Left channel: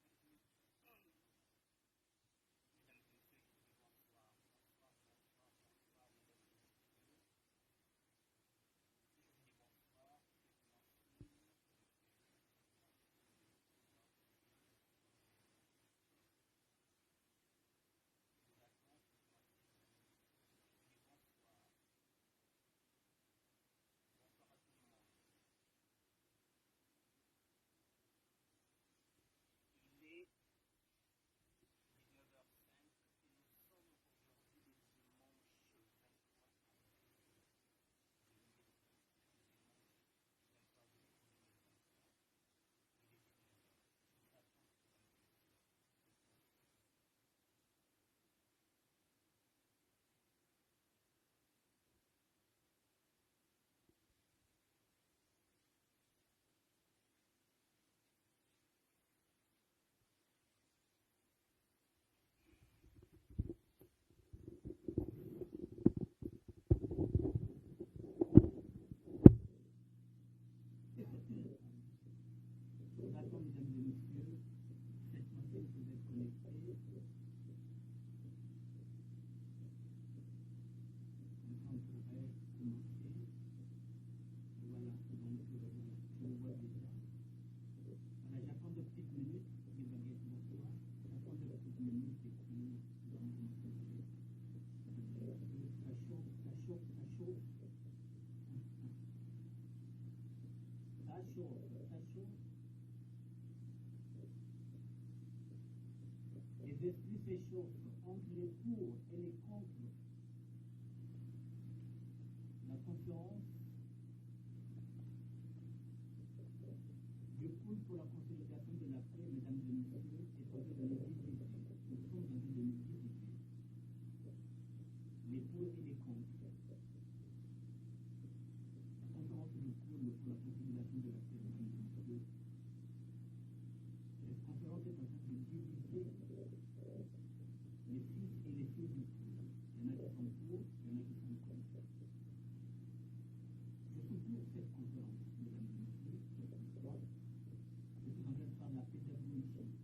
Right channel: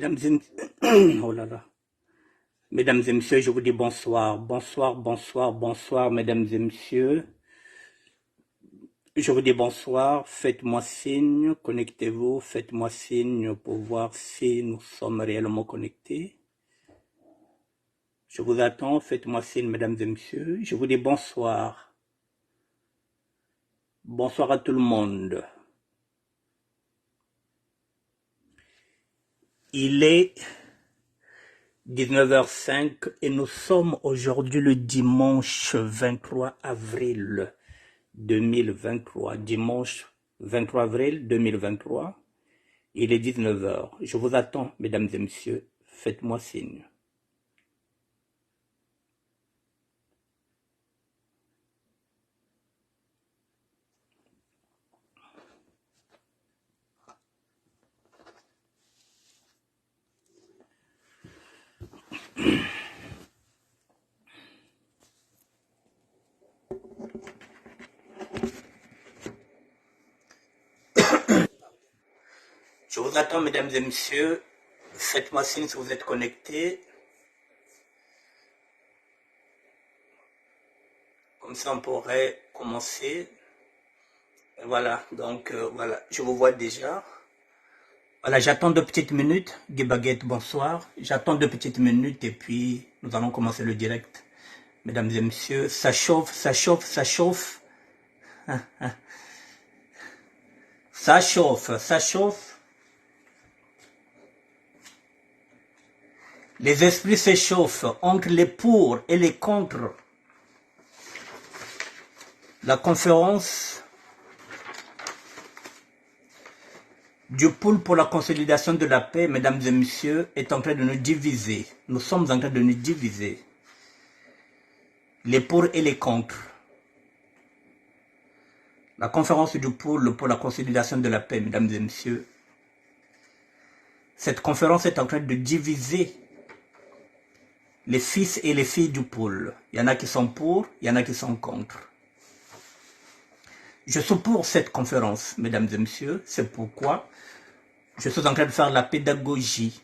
Mesdames et, oh là là. Mesdames et messieurs, je vous dis bonsoir. Bonsoir, bonsoir, bonsoir, mesdames et messieurs. Je vous dis bonsoir. Faites-moi signe, connectez-vous. Faites-moi signe pour voir si nous sommes réellement connectés. Je vous attends. Faites-moi signe, mesdames et messieurs. Je vous dis bonsoir. Bonsoir à tout le monde. Il est 19h05 et nous sommes aujourd'hui le dimanche 23 avril 2023. Dimanche 23 avril 2023. Il est 19h. Je vous attends, mesdames et messieurs. Faites-moi signe. Je vous attends, mesdames et messieurs. Faites-moi signe si vous êtes connectés. Comme ça, on pourrait commencer. Et voilà, donc voilà, je vous vois déjà. Voilà, j'attends 2 petites minutes. Guy Baguette, bonsoir. J'attends 2 petites minutes et puis nous allons commencer le direct. Mesdames et messieurs, ça chauffe, ça chauffe, ça chauffe. Ça chauffe, ça chauffe. Les esprits s'échauffent entre les pour et les contre. La conférence du pôle pour la consolidation de la paix, mesdames et messieurs, est en train de nous diviser. Nous sommes en train de nous diviser. Les pour et les contre. La conférence du pôle pour la consolidation de la paix, mesdames et messieurs. Cette conférence est en train de diviser les fils et les filles du pôle. Il y en a qui sont pour, il y en a qui sont contre. Je suis pour cette conférence, mesdames et messieurs. C'est pourquoi je suis en train de faire la pédagogie.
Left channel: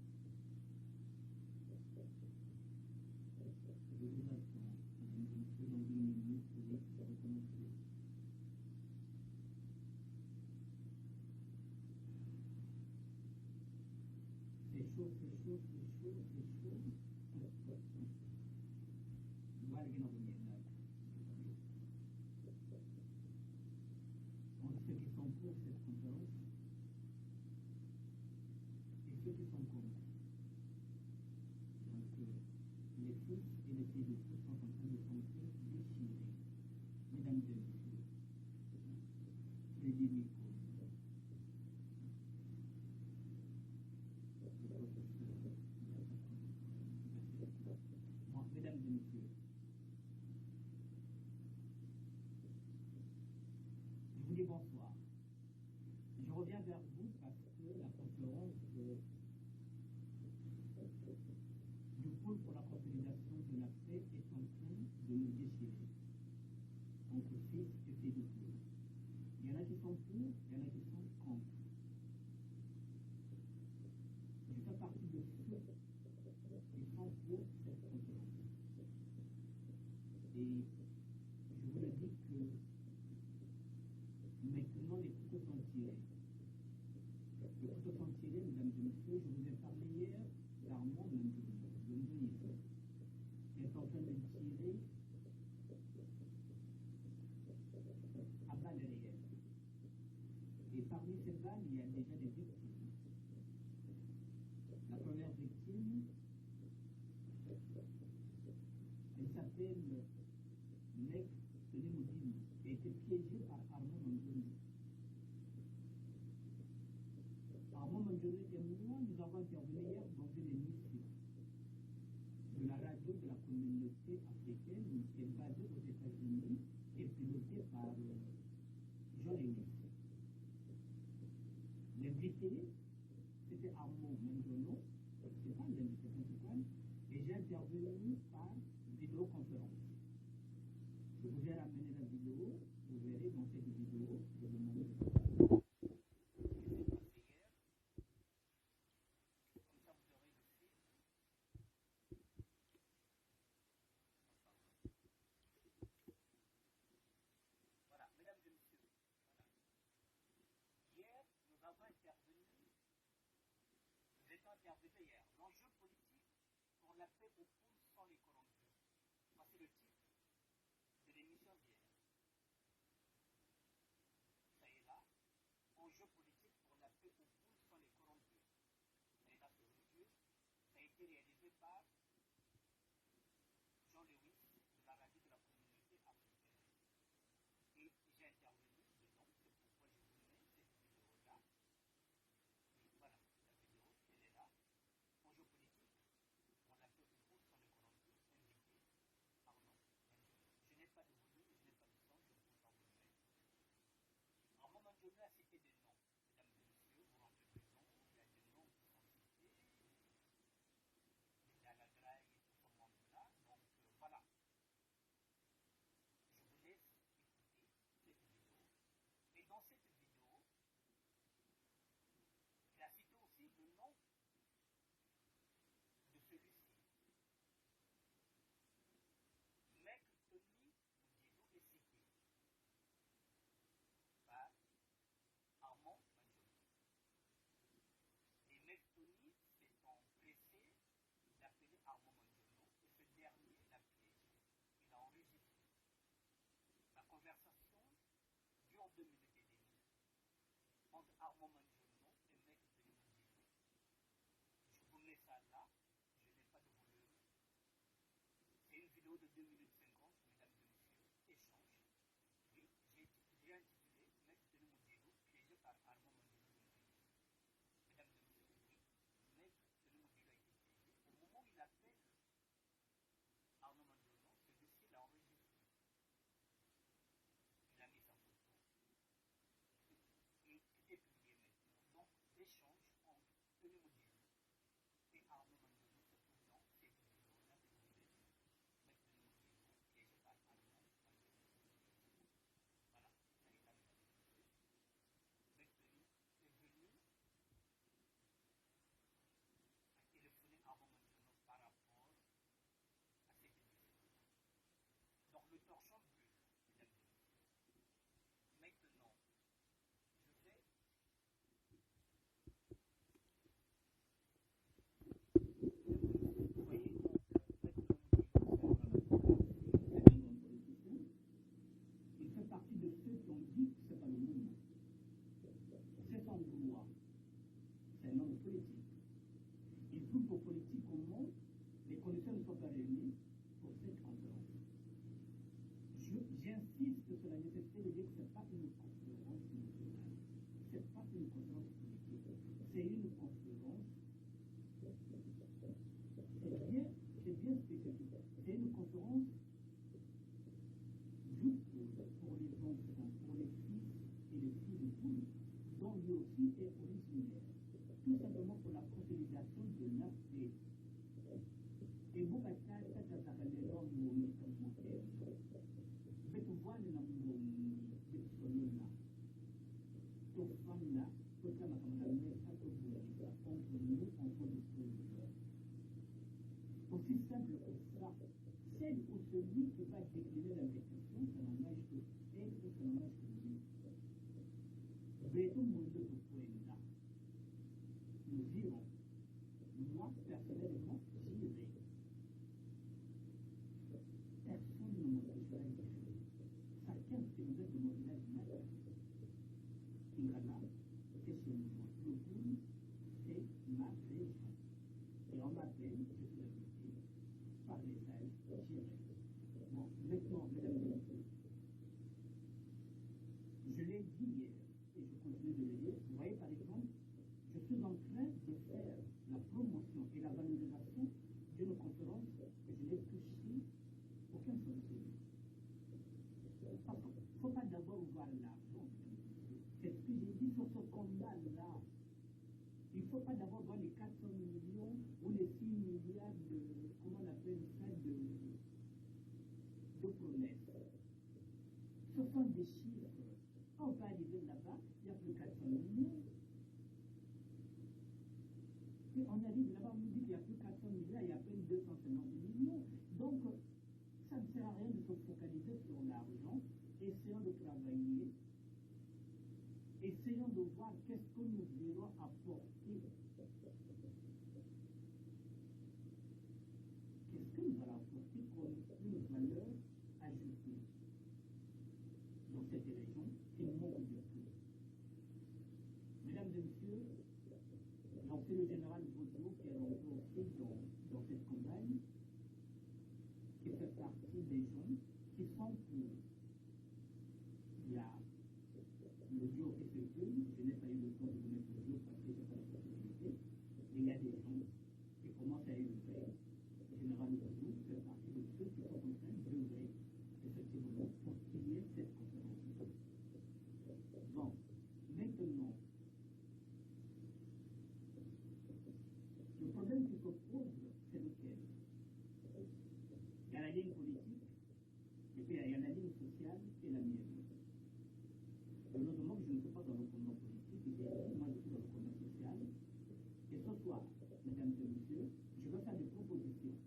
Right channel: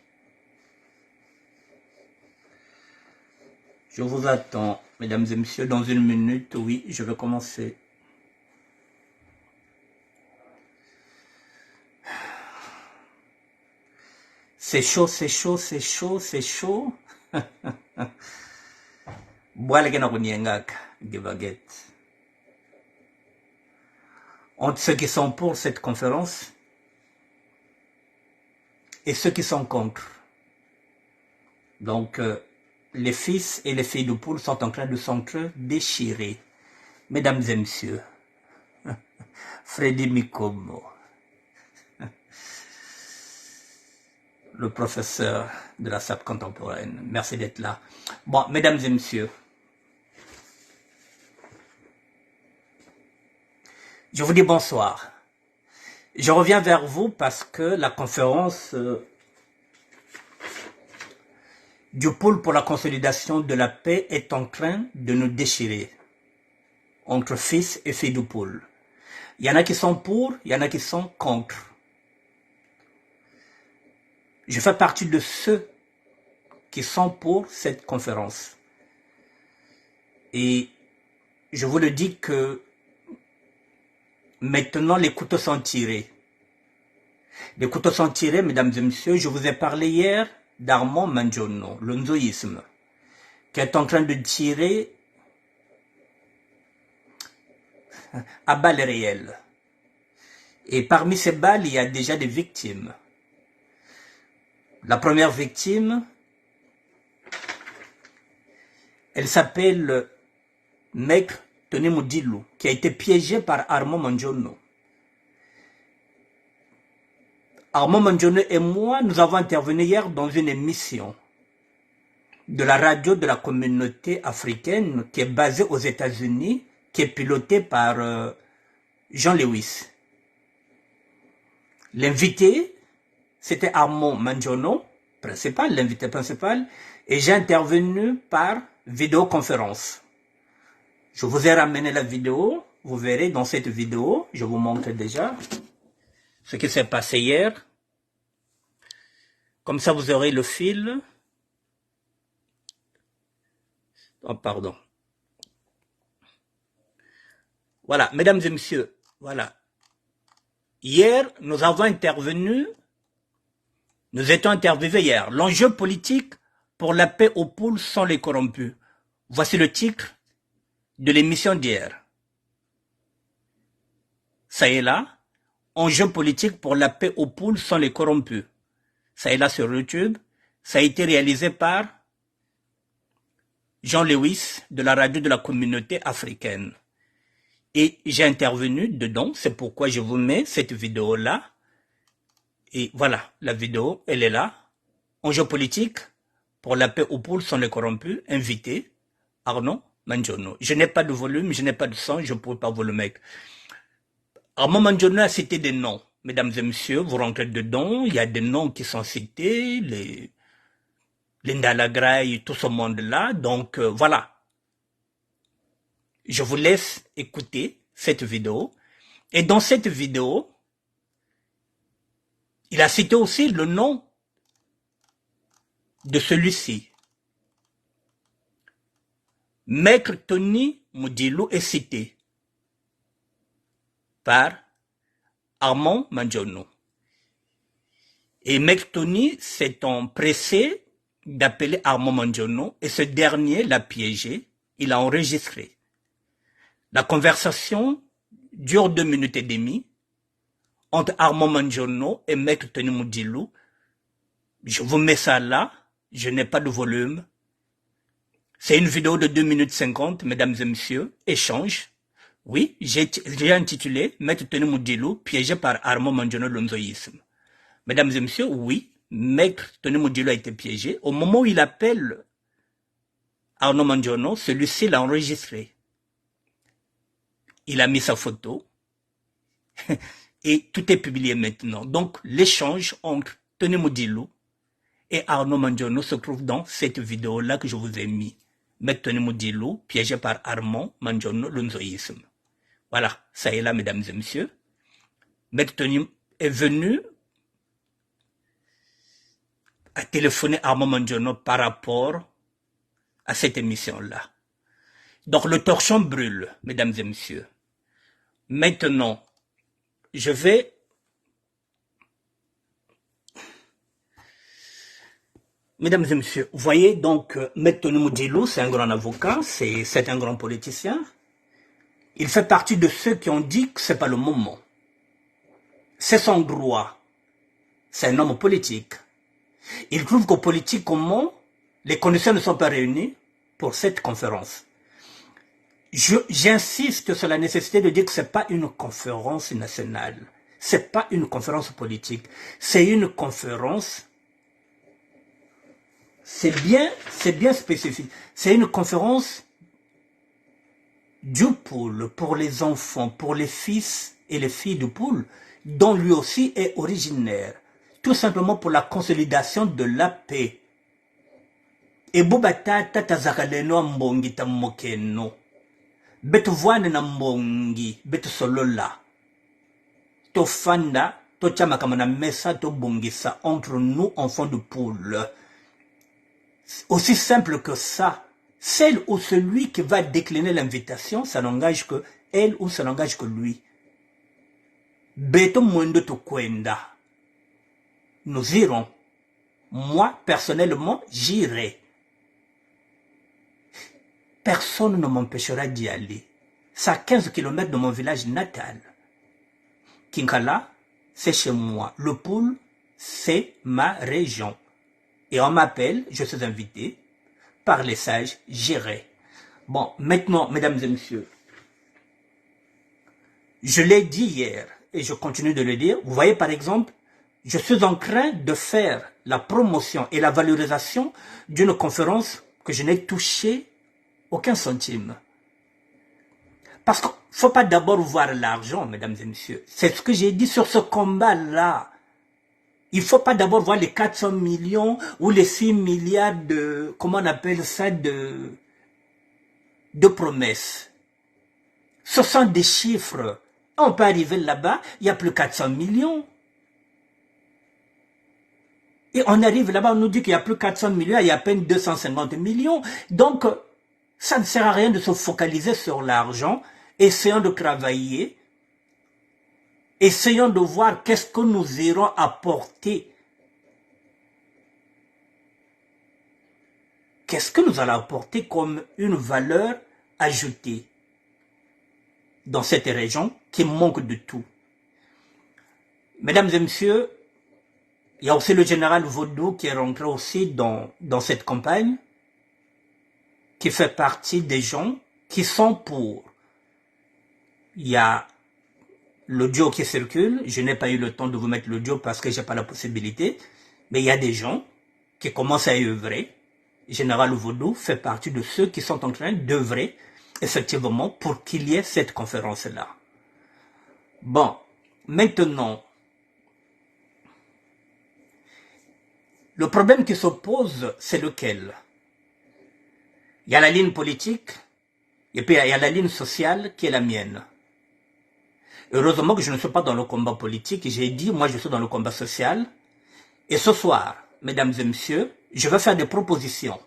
Je vous attends, mesdames et messieurs. Dans 1 minute, oui, je vais commencer. C'est chaud, c'est chaud, c'est chaud, c'est chaud. Entre ceux qui sont pour cette conférence et ceux qui sont contre. Donc, les fils et les filles du pôle sont en train de s'entre-déchirer. Mesdames et messieurs, Freddy Mikomo, le professeur de la SAP contemporaine, merci d'être là. Bon, mesdames et messieurs, je vous dis bonsoir. Je reviens vers vous parce que la conférence du pôle pour la consolidation de la paix est en train de nous déchirer entre fils et filles du pôle. Il y en a qui sont pour, il y en a qui sont contre. Je fais partie de ceux qui sont pour cette conférence. Et je vous le dis que maintenant les couteaux sont tirés. Les couteaux sont tirés, mesdames et messieurs. Je vous ai parlé hier d'Armand Manjono, le nzoïsme, qui est en train de tirer à balles réelles. Et parmi ces balles, il y a déjà des victimes. La première victime, elle s'appelle Mek Tonemoudilou, qui a été piégée par Armand Manjono. Armand Manjono et moi, nous avons intervenu hier dans une émission de la radio de la communauté africaine qui est basée aux États-Unis, qui est pilotée par Jean Lewis. L'invité, c'était Armand Manjono, l'invité principal, et j'ai intervenu par vidéoconférence. Je vous ai ramené la vidéo, vous verrez dans cette vidéo, je vous montre déjà ce qui s'est passé hier. Comme ça, vous aurez le fil. Oh, pardon. Voilà, mesdames et messieurs, voilà. Hier, nous avons intervenu, nous étions interviewés hier. L'enjeu politique pour la paix aux poules sont les corrompus. Voici le titre de l'émission d'hier. Ça est là. Enjeu politique pour la paix aux poules sont les corrompus. Ça est là sur YouTube. Ça a été réalisé par Jean Lewis de la radio de la communauté africaine. Et j'ai intervenu dedans, c'est pourquoi je vous mets cette vidéo-là. Et voilà, la vidéo, elle est là. Enjeu politique pour la paix aux poules sont les corrompus. Invité, Arnaud Manjono. Je n'ai pas de volume, je n'ai pas de son, je ne pourrais pas vous le mettre. Arnaud Manjono a cité des noms. Mesdames et messieurs, vous rentrez dedans, il y a des noms qui sont cités, les Ndalagraï, tout ce monde-là. Donc voilà. Je vous laisse écouter cette vidéo. Et dans cette vidéo, il a cité aussi le nom de celui-ci. Maître Tony Moudilou est cité par Armand Manjono. Et Maître Tony s'est empressé d'appeler Armand Manjono et ce dernier l'a piégé, il a enregistré. La conversation dure 2 minutes et demie entre Armand Manjono et Maître Tony Moudilou. Je vous mets ça là, je n'ai pas de volume. C'est une vidéo de 2 minutes 50, mesdames et messieurs, échange. Oui, j'ai intitulé Maître Tony Moudilou piégé par Armand Manjono l'onzoïsme. Mesdames et messieurs, oui, Maître Tony Moudilou a été piégé. Au moment où il appelle Arnaud Manjono, celui-ci l'a enregistré. Il a mis sa photo et tout est publié maintenant. Donc, l'échange entre Tony Moudilou et Arnaud Manjono se trouve dans cette vidéo-là que je vous ai mis. Maître Tony Moudilou, piégé par Armand Manjono, l'onzoïsme. Voilà, ça est là, mesdames et messieurs. Maître Tony est venu à téléphoner à Armand Manjono par rapport à cette émission-là. Donc, le torchon brûle, mesdames et messieurs. Maintenant, je vais... Mesdames et messieurs, vous voyez donc, Maître Tony Moudilou, c'est un grand avocat, c'est un grand politicien. Il fait partie de ceux qui ont dit que ce n'est pas le moment. C'est son droit. C'est un homme politique. Il trouve qu'au politique, comment les conditions ne sont pas réunies pour cette conférence. J'insiste sur la nécessité de dire que ce n'est pas une conférence nationale. Ce n'est pas une conférence politique. C'est une conférence... C'est bien spécifique. C'est une conférence du pôle pour les enfants, pour les fils et les filles du pôle, dont lui aussi est originaire. Tout simplement pour la consolidation de la paix. Et Bobata Tatazakaleno Mbongi Tamokeno. Betuwane na Mbongi, Betu Solola. Tofanda, Tochamakamana Mesa, Tobongisa, entre nous, enfants du pôle. Aussi simple que ça. Celle ou celui qui va décliner l'invitation, ça n'engage que elle ou ça n'engage que lui. Beto Mwendo Tokwenda. Nous irons. Moi, personnellement, j'irai. Personne ne m'empêchera d'y aller. C'est à 15 km de mon village natal. Kinkala, c'est chez moi. Le Poul, c'est ma région. Et on m'appelle, je suis invité, par les sages, j'irai. Bon, maintenant, mesdames et messieurs, je l'ai dit hier, et je continue de le dire. Vous voyez, par exemple, je suis en train de faire la promotion et la valorisation d'une conférence que je n'ai touché aucun centime. Parce qu'il ne faut pas d'abord voir l'argent, mesdames et messieurs. C'est ce que j'ai dit sur ce combat-là. Il ne faut pas d'abord voir les 400 millions ou les 6 milliards de, comment on appelle ça, de promesses. Ce sont des chiffres. On peut arriver là-bas, il n'y a plus 400 millions. Et on arrive là-bas, on nous dit qu'il n'y a plus 400 millions, il y a à peine 250 millions. Donc, ça ne sert à rien de se focaliser sur l'argent. Essayons de travailler. Essayons de voir qu'est-ce que nous irons apporter. Qu'est-ce que nous allons apporter comme une valeur ajoutée dans cette région qui manque de tout. Mesdames et messieurs, il y a aussi le général Vaudou qui est rentré aussi dans cette campagne, qui fait partie des gens qui sont pour. Il y a l'audio qui circule, je n'ai pas eu le temps de vous mettre l'audio parce que je n'ai pas la possibilité, mais il y a des gens qui commencent à y œuvrer. Général Vaudou fait partie de ceux qui sont en train d'œuvrer effectivement pour qu'il y ait cette conférence-là. Bon, maintenant, le problème qui se pose, c'est lequel? Il y a la ligne politique, et puis il y a la ligne sociale qui est la mienne. Heureusement que je ne suis pas dans le combat politique, j'ai dit, moi je suis dans le combat social. Et ce soir, mesdames et messieurs, je vais faire des propositions.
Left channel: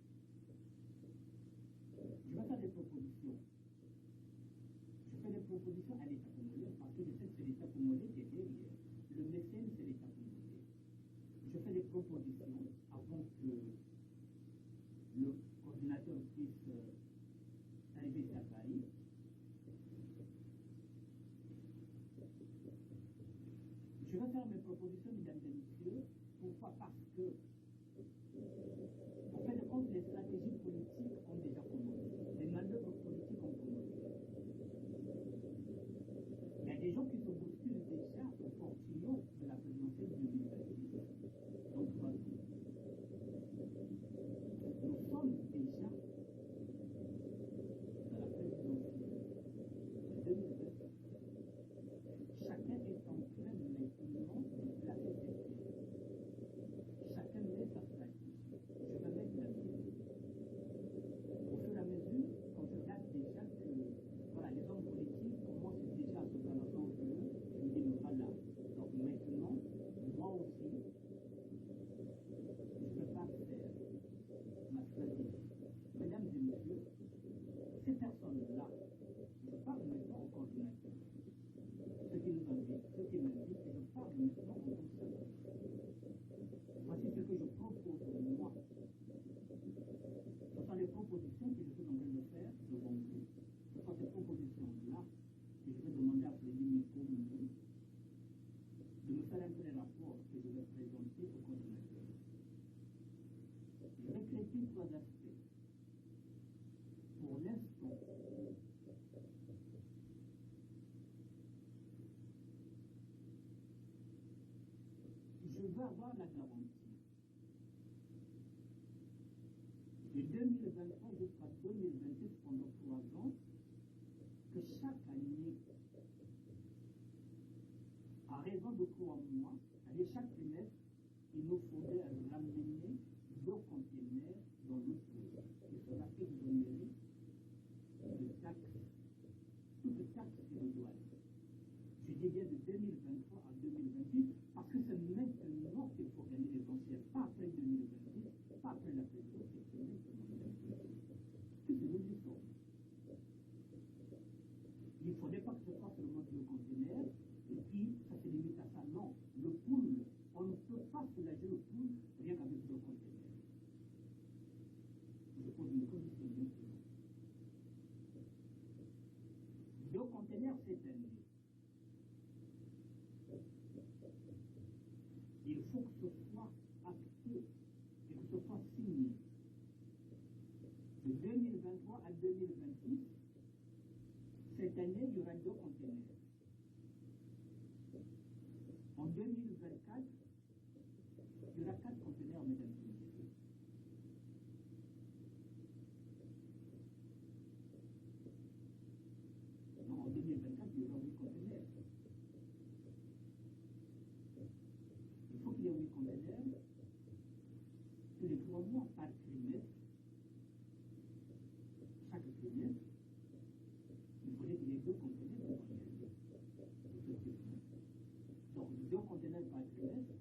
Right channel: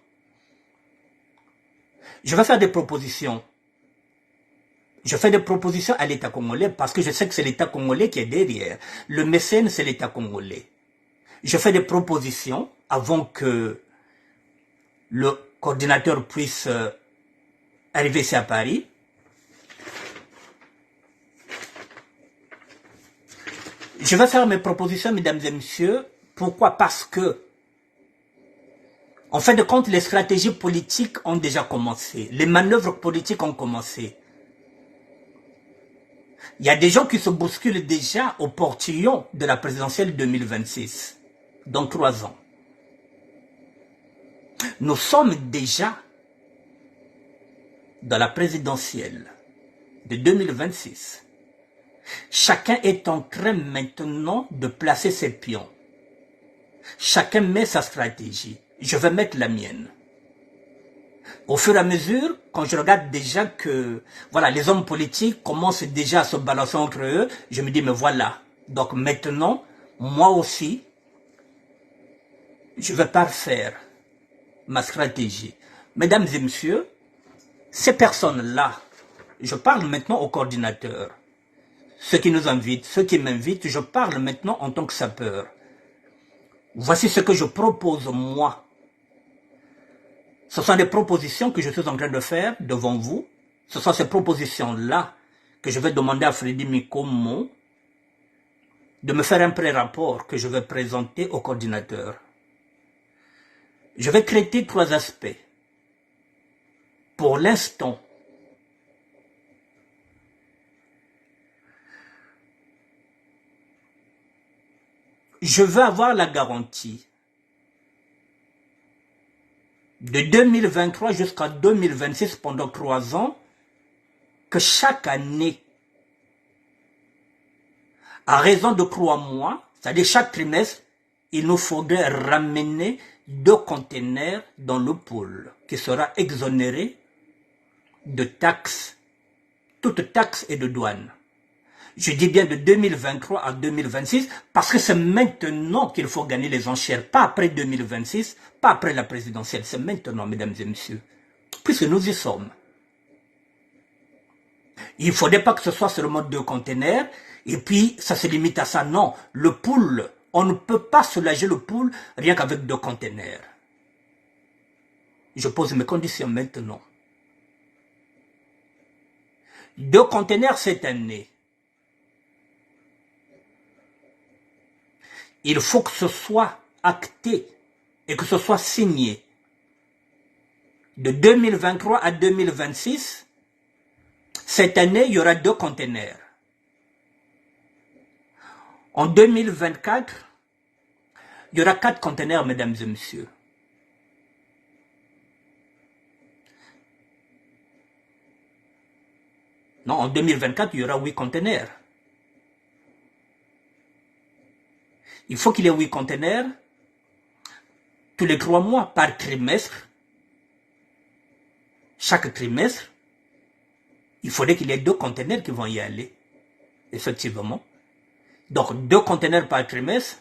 Je vais faire des propositions. Je fais des propositions à l'État congolais parce que je sais que c'est l'État congolais qui est derrière. Le mécène, c'est l'État congolais. Je fais des propositions avant que le coordinateur puisse arriver ici à Paris. Je vais faire mes propositions, mesdames et messieurs. Pourquoi? Parce que, en fin de compte, les stratégies politiques ont déjà commencé. Les manœuvres politiques ont commencé. Il y a des gens qui se bousculent déjà au portillon de la présidentielle 2026, dans 3 ans. Nous sommes déjà dans la présidentielle de 2026. Chacun est en train maintenant de placer ses pions. Chacun met sa stratégie. Je vais mettre la mienne. Au fur et à mesure, quand je regarde déjà que voilà, les hommes politiques commencent déjà à se balancer entre eux, je me dis, mais voilà. Donc maintenant, moi aussi, je vais parfaire ma stratégie. Mesdames et messieurs, ces personnes-là, je parle maintenant aux coordinateurs. Ceux qui nous invitent, ceux qui m'invitent, je parle maintenant en tant que sapeur. Voici ce que je propose moi. Ce sont des propositions que je suis en train de faire devant vous. Ce sont ces propositions-là que je vais demander à Freddy Mikomo de me faire un pré-rapport que je vais présenter au coordinateur. Je vais traiter 3 aspects. Pour l'instant, je veux avoir la garantie de 2023 jusqu'à 2026 pendant 3 ans que chaque année, à raison de 3 mois, c'est-à-dire chaque trimestre, il nous faudrait ramener 2 conteneurs dans le pôle qui sera exonéré de taxes, toutes taxes et de douane. Je dis bien de 2023 à 2026 parce que c'est maintenant qu'il faut gagner les enchères, pas après 2026, pas après la présidentielle, c'est maintenant, mesdames et messieurs, puisque nous y sommes. Il ne faudrait pas que ce soit seulement 2 conteneurs et puis ça se limite à ça. Non, le pool, on ne peut pas soulager le pool rien qu'avec 2 conteneurs. Je pose mes conditions maintenant. 2 conteneurs cette année. Il faut que ce soit acté et que ce soit signé. De 2023 à 2026, cette année, il y aura 2 conteneurs. En 2024, il y aura 4 conteneurs, mesdames et messieurs. Non, en 2024, il y aura 8 conteneurs. Il faut qu'il y ait 8 conteneurs tous les 3 mois par trimestre. Chaque trimestre, il faudrait qu'il y ait 2 conteneurs qui vont y aller. Effectivement. Donc, 2 conteneurs par trimestre.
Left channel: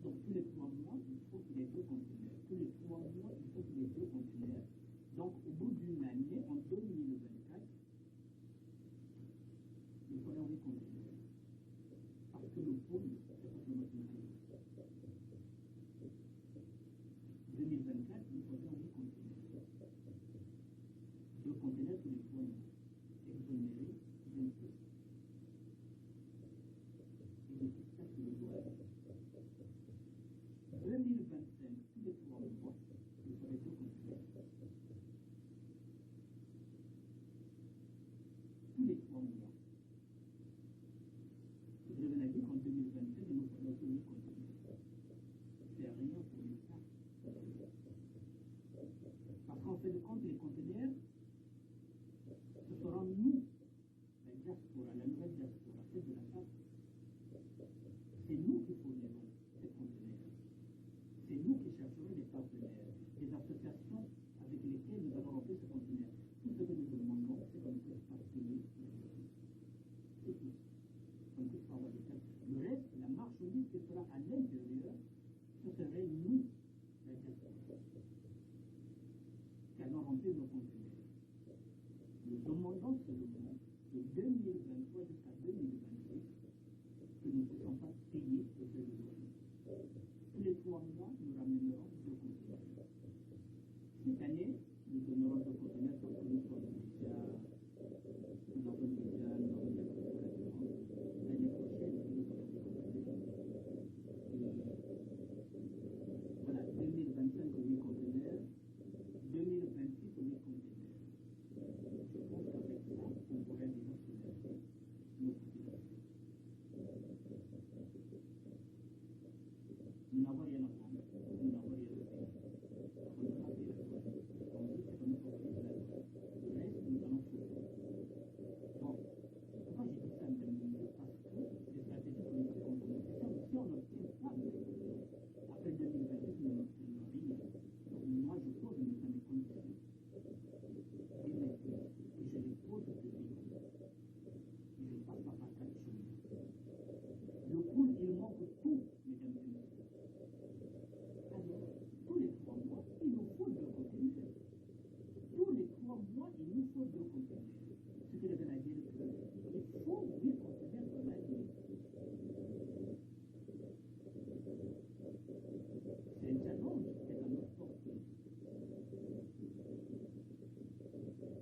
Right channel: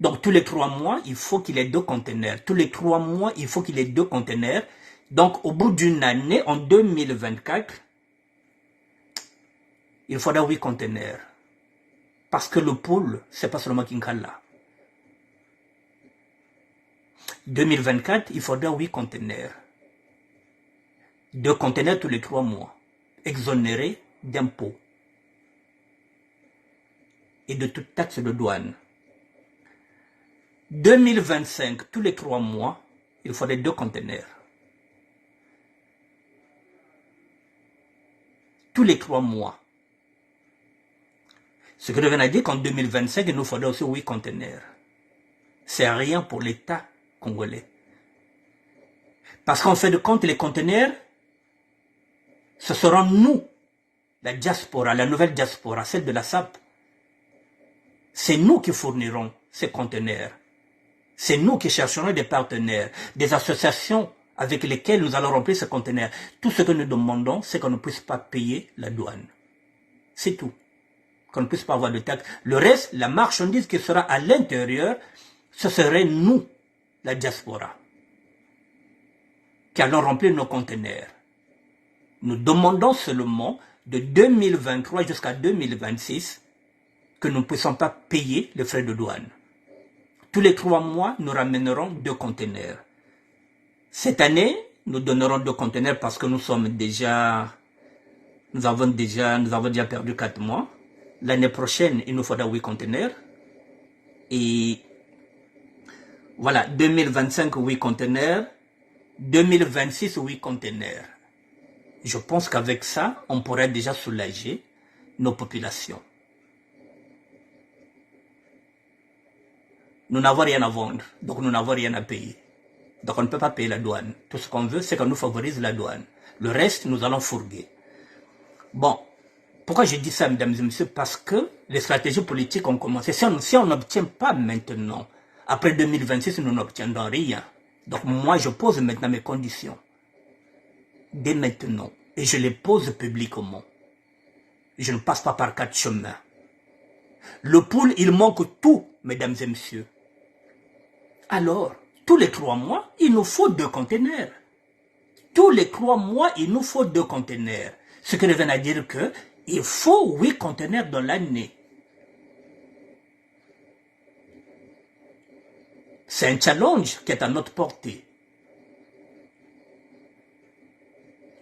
Donc tous les 3 mois, il faut qu'il ait 2 conteneurs. Tous les 3 mois, il faut qu'il ait 2 conteneurs. Donc au bout d'une année, en 2024, il faudra 8 conteneurs. Parce que le pool, c'est pas seulement Kinkala. 2024, il faudra 8 conteneurs. 2 conteneurs tous les 3 mois. Exonérés d'impôts et de toute taxe de douane. 2025, tous les 3 mois, il faudrait 2 conteneurs. Tous les 3 mois. Ce qui revient à dire qu'en 2025, il nous faudrait aussi 8 conteneurs. C'est rien pour l'État congolais. Parce qu'en fait de compte, les conteneurs, ce seront nous, la diaspora, la nouvelle diaspora, celle de la SAP. C'est nous qui fournirons ces conteneurs. C'est nous qui chercherons des partenaires, des associations avec lesquelles nous allons remplir ces conteneurs. Tout ce que nous demandons, c'est qu'on ne puisse pas payer la douane. C'est tout. Qu'on ne puisse pas avoir de taxe. Le reste, la marchandise qui sera à l'intérieur, ce serait nous, la diaspora, qui allons remplir nos conteneurs. Nous demandons seulement de 2023 jusqu'à 2026 que nous ne puissions pas payer les frais de douane. Tous les 3 mois, nous ramènerons 2 conteneurs. Cette année, nous donnerons 2 conteneurs parce que nous avons déjà perdu 4 mois. L'année prochaine, il nous faudra 8 conteneurs. Et voilà, 2025, 8 conteneurs. 2026, 8 conteneurs. Je pense qu'avec ça, on pourrait déjà soulager nos populations. Nous n'avons rien à vendre, donc nous n'avons rien à payer. Donc on ne peut pas payer la douane. Tout ce qu'on veut, c'est qu'on nous favorise la douane. Le reste, nous allons fourguer. Bon, pourquoi je dis ça, mesdames et messieurs? Parce que les stratégies politiques ont commencé. Si on n'obtient pas maintenant, après 2026, nous n'obtiendrons rien. Donc moi, je pose maintenant mes conditions. Dès maintenant. Et je les pose publiquement. Je ne passe pas par 4 chemins. Le pool, il manque tout, mesdames et messieurs. Alors, tous les 3 mois, il nous faut 2 conteneurs. Tous les 3 mois, il nous faut 2 conteneurs. Ce qui revient à dire qu'il faut 8 conteneurs dans l'année. C'est un challenge qui est à notre portée.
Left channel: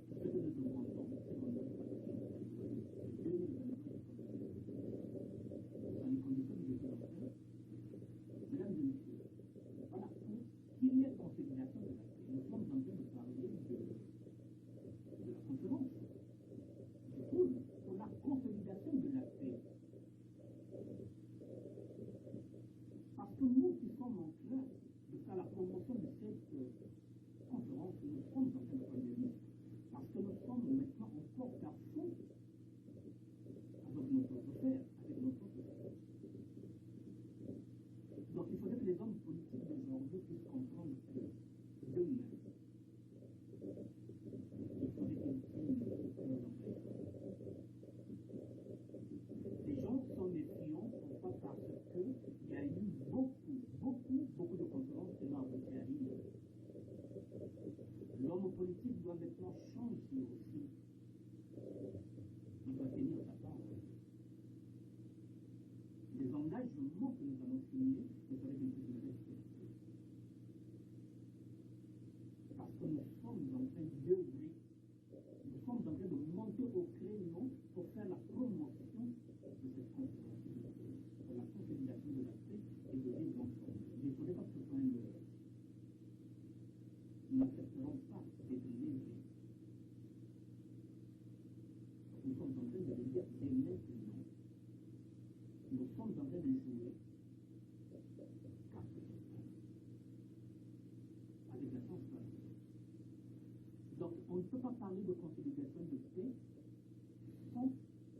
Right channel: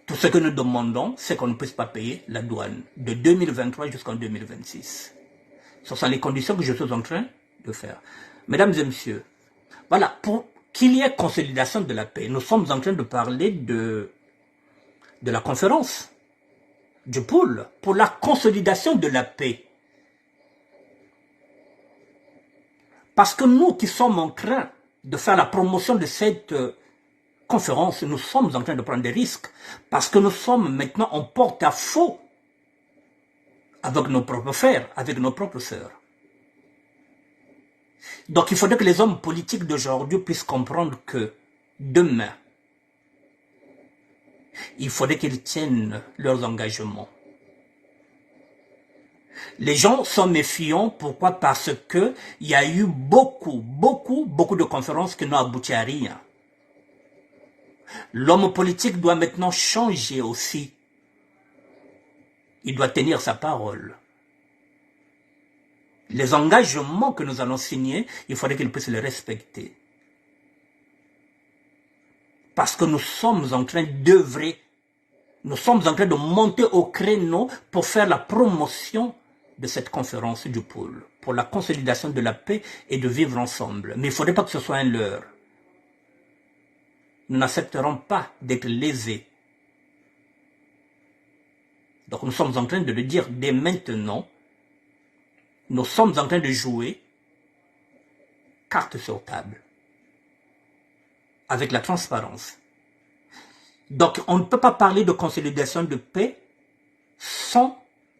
Tout ce que nous demandons, c'est qu'on ne puisse pas payer la douane de 2023 jusqu'en 2026. Ce sont les conditions que je suis en train de faire. Mesdames et messieurs, voilà, pour qu'il y ait consolidation de la paix, nous sommes en train de parler de la conférence, du pôle, pour la consolidation de la paix. Parce que nous qui sommes en train de faire la promotion de cette conférence, nous sommes en train de prendre des risques. Parce que nous sommes maintenant en porte-à-faux avec nos propres frères, avec nos propres sœurs. Donc il faudrait que les hommes politiques d'aujourd'hui puissent comprendre que demain, il faudrait qu'ils tiennent leurs engagements. Les gens sont méfiants, pourquoi? Parce qu'il y a eu beaucoup de conférences qui n'ont abouti à rien. L'homme politique doit maintenant changer aussi. Il doit tenir sa parole. Les engagements que nous allons signer, il faudrait qu'ils puissent les respecter. Parce que nous sommes en train d'œuvrer, nous sommes en train de monter au créneau pour faire la promotion de cette conférence du pôle, pour la consolidation de la paix et de vivre ensemble. Mais il ne faudrait pas que ce soit un leurre. Nous n'accepterons pas d'être lésés. Donc nous sommes en train de le dire dès maintenant. Nous sommes en train de jouer carte sur table. Avec la transparence. Donc on ne peut pas parler de consolidation de paix sans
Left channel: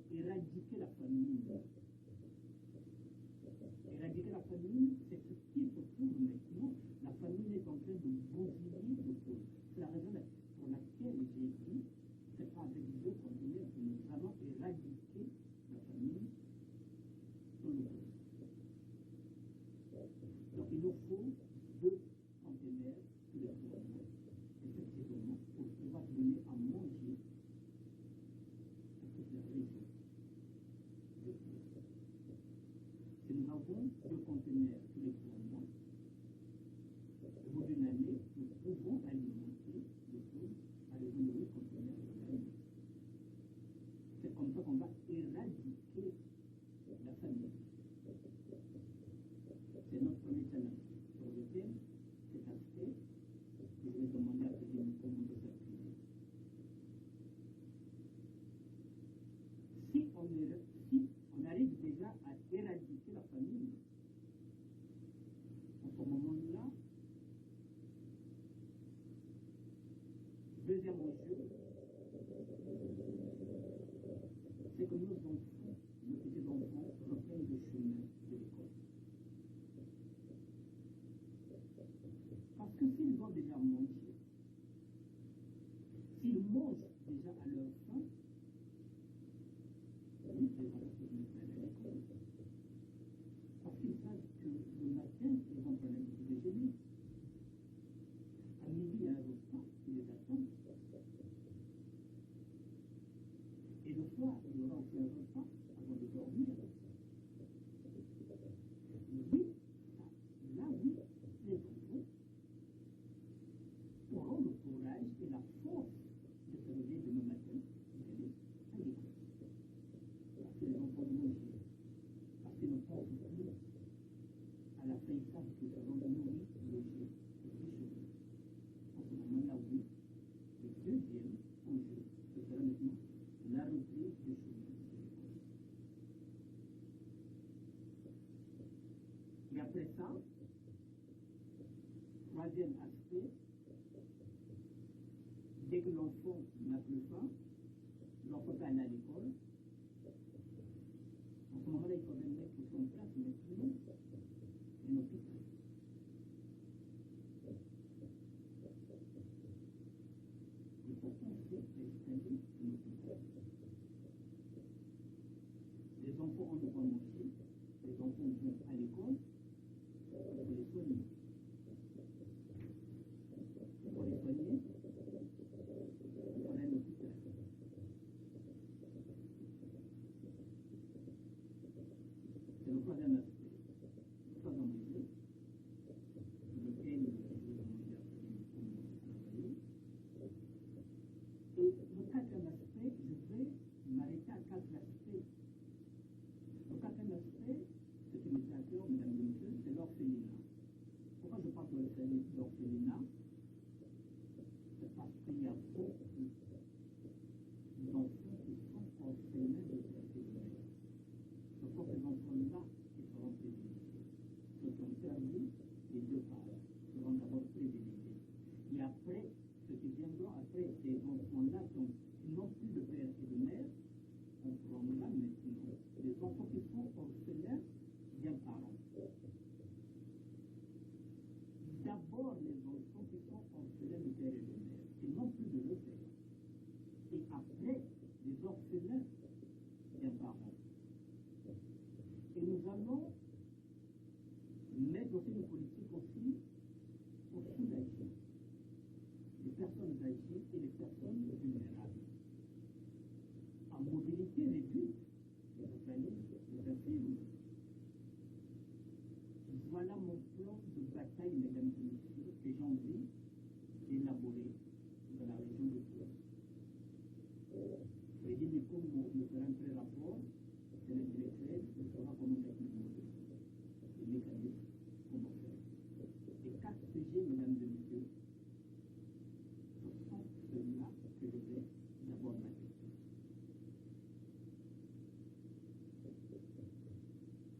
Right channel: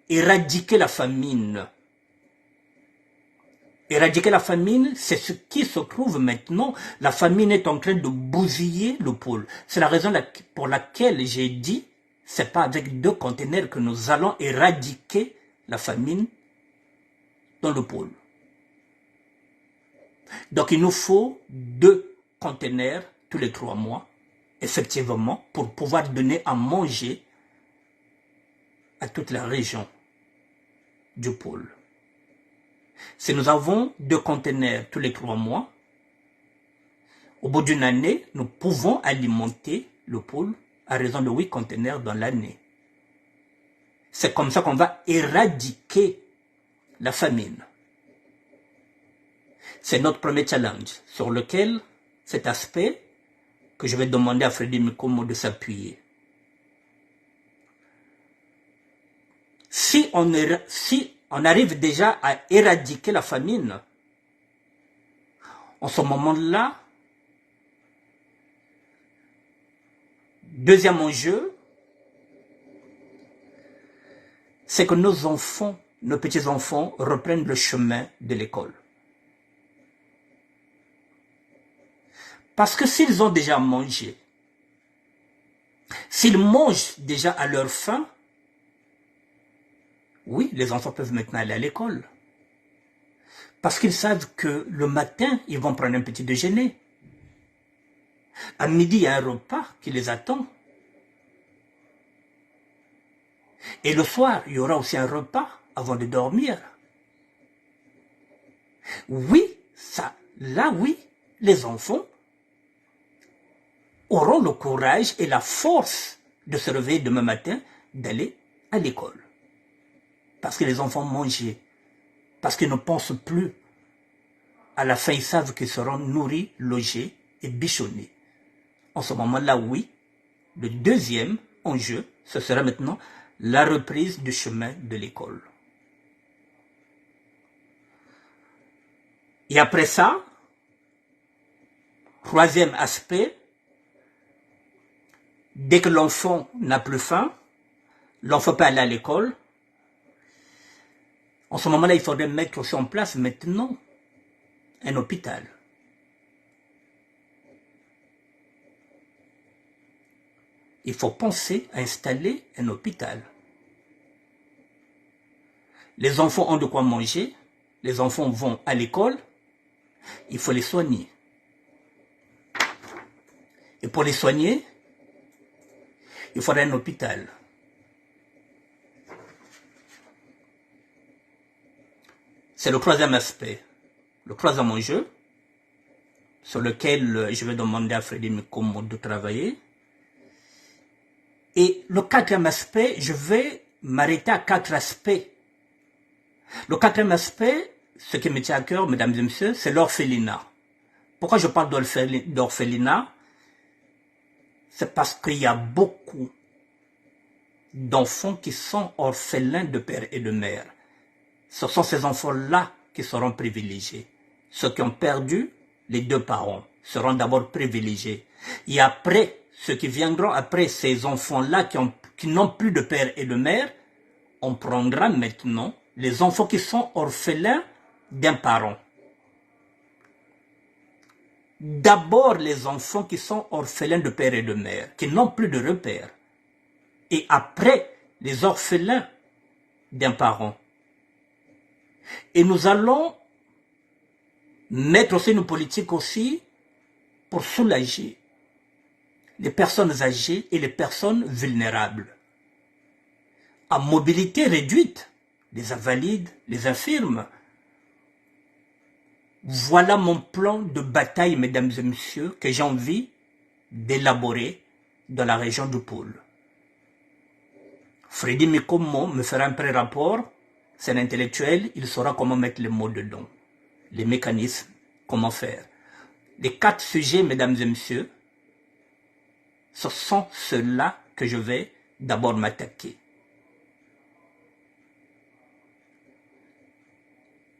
éradiquer la famine. Éradiquer la famine, c'est ce qui se trouve maintenant. La famine est en train de bousiller le pôle. C'est la raison pour laquelle j'ai dit, c'est pas avec 2 conteneurs que nous allons éradiquer la famine dans le pôle. Donc il nous faut 2 conteneurs tous les 3 mois, effectivement, pour pouvoir donner à manger à toute la région du pôle. Si nous avons 2 conteneurs tous les 3 mois, au bout d'une année, nous pouvons alimenter le pôle à raison de 8 conteneurs dans l'année. C'est comme ça qu'on va éradiquer la famine. C'est notre premier challenge sur lequel cet aspect que je vais demander à Freddy Mikomo de s'appuyer. Si on arrive déjà à éradiquer la famine, en ce moment-là, deuxième enjeu, c'est que nos enfants, nos petits-enfants reprennent le chemin de l'école. Parce que s'ils ont déjà mangé, s'ils mangent déjà à leur faim, oui, les enfants peuvent maintenant aller à l'école. Parce qu'ils savent que le matin, ils vont prendre un petit déjeuner. À midi, il y a un repas qui les attend. Et le soir, il y aura aussi un repas avant de dormir. Oui, oui, les enfants auront le courage et la force de se réveiller demain matin, d'aller à l'école. Parce que les enfants mangent, parce qu'ils ne pensent plus à la fin, ils savent qu'ils seront nourris, logés et bichonnés. En ce moment-là, oui, le deuxième enjeu, ce sera maintenant la reprise du chemin de l'école. Et après ça, troisième aspect, dès que l'enfant n'a plus faim, l'enfant peut aller à l'école. En ce moment-là, il faudrait mettre aussi en place maintenant un hôpital. Il faut penser à installer un hôpital. Les enfants ont de quoi manger, les enfants vont à l'école, il faut les soigner. Et pour les soigner, il faudra un hôpital. C'est le troisième aspect, le troisième enjeu, sur lequel je vais demander à Freddy Mikomo de travailler. Et le quatrième aspect, je vais m'arrêter à 4 aspects. Le quatrième aspect, ce qui me tient à cœur, mesdames et messieurs, c'est l'orphelinat. Pourquoi je parle d'orphelinat? C'est parce qu'il y a beaucoup d'enfants qui sont orphelins de père et de mère. Ce sont ces enfants-là qui seront privilégiés. Ceux qui ont perdu les 2 parents seront d'abord privilégiés. Et après, ceux qui viendront après ces enfants-là qui n'ont plus de père et de mère, on prendra maintenant les enfants qui sont orphelins d'un parent. D'abord les enfants qui sont orphelins de père et de mère, qui n'ont plus de repère. Et après, les orphelins d'un parent. Et nous allons mettre aussi une politique aussi pour soulager les personnes âgées et les personnes vulnérables. À mobilité réduite, les invalides, les infirmes. Voilà mon plan de bataille, mesdames et messieurs, que j'ai envie d'élaborer dans la région du pôle. Freddy Mikomo me fera un pré-rapport, c'est un intellectuel, il saura comment mettre les mots dedans, les mécanismes, comment faire. Les 4 sujets, mesdames et messieurs, ce sont ceux-là que je vais d'abord m'attaquer.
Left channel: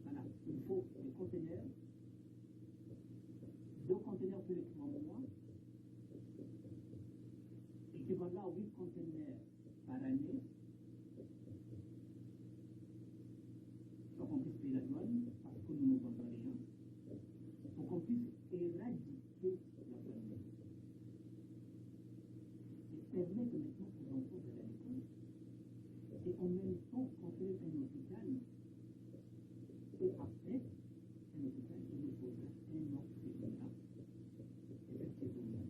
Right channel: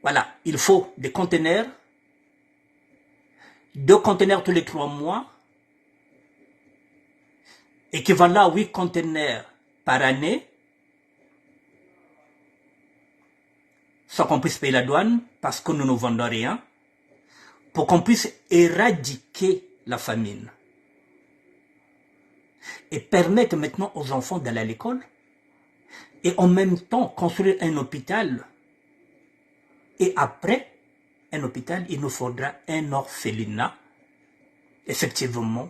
Voilà, il faut des conteneurs, 2 conteneurs tous les 3 mois, équivalent à 8 conteneurs par année, sans qu'on puisse payer la douane, parce que nous ne vendons rien, pour qu'on puisse éradiquer la famine. Et permettre maintenant aux enfants d'aller à l'école, et en même temps construire un hôpital, et après, un hôpital, il nous faudra un orphelinat, effectivement,